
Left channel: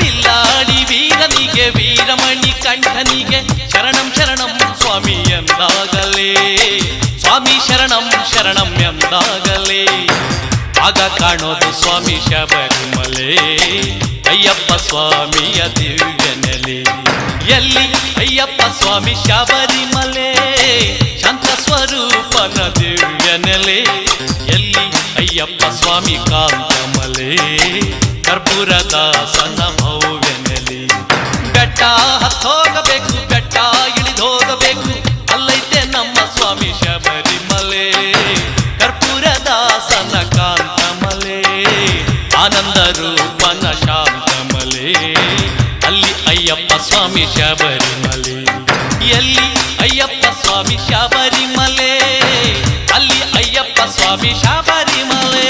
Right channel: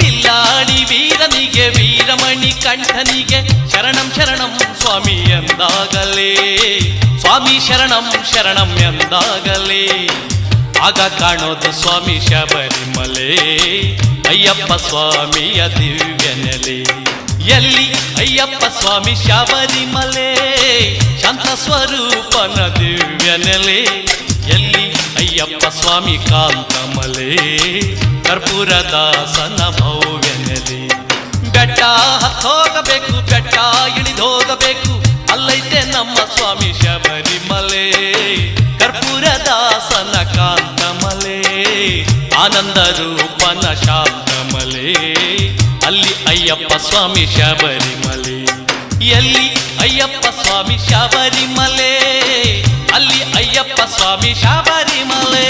ವಿಲ್ಲಾಡಿ ವೀರನಿಗೆ ವೀರಮಣಿ ಕಂಠನಿಗೆ ಶರಣಂ ಶರಣಂ ಸ್ವಾಮಿ ಎಂದಾಗಲೇ ಸ್ವಾಮಿ ಶರಣಂ ಶರಣಂ ಎಂದಾಗಲೇ ಆಗ ಕಾಣೋದು ಸ್ವಾಮಿ ಶಬರಿಮಲೆ ಅಯ್ಯಪ್ಪ ಸ್ವಾಮಿಯ ದಿವ್ಯ ನೆಲೆ ಎಲ್ಲಿ ಅಯ್ಯಪ್ಪ ಸ್ವಾಮಿ ಶಬರಿಮಲೆ ಶಾಂತ ಸ್ವರೂಪನ ದಿವ್ಯ ನೆಲೆ ಎಲ್ಲಿ ಅಯ್ಯಪ್ಪ ಸ್ವಾಮಿ ಕಾಂತಮಲೆ ಕರ್ಪೂರದಾಸನ ಭವ್ಯ ನೆಲೆ ಬೆಟ್ಟ ಹತ್ತೋಗಬೇಕು ಬೆಟ್ಟ ಇಳಿದೋಗಬೇಕು ಅಲ್ಲೈತೆ ನಮ್ಮ ಸ್ವಾಮಿ ಶಬರಿಮಲೆ ಕರ್ಪೂರದಾಸನ ಕಾಂತಮಲೆ ಆನಂದ ರೂಪನ ಶಾಂತಮಲೆ ಅಲ್ಲಿ ಅಯ್ಯಪ್ಪ ಸ್ವಾಮಿ ಶಬರಿಮಲೆ ಎಲ್ಲಿ ಅಯ್ಯಪ್ಪ ಸ್ವಾಮಿ ಶಬರಿಮಲೆ ಅಲ್ಲಿ ಅಯ್ಯಪ್ಪ ಸ್ವಾಮಿ ಶಬರಿಮಲೆ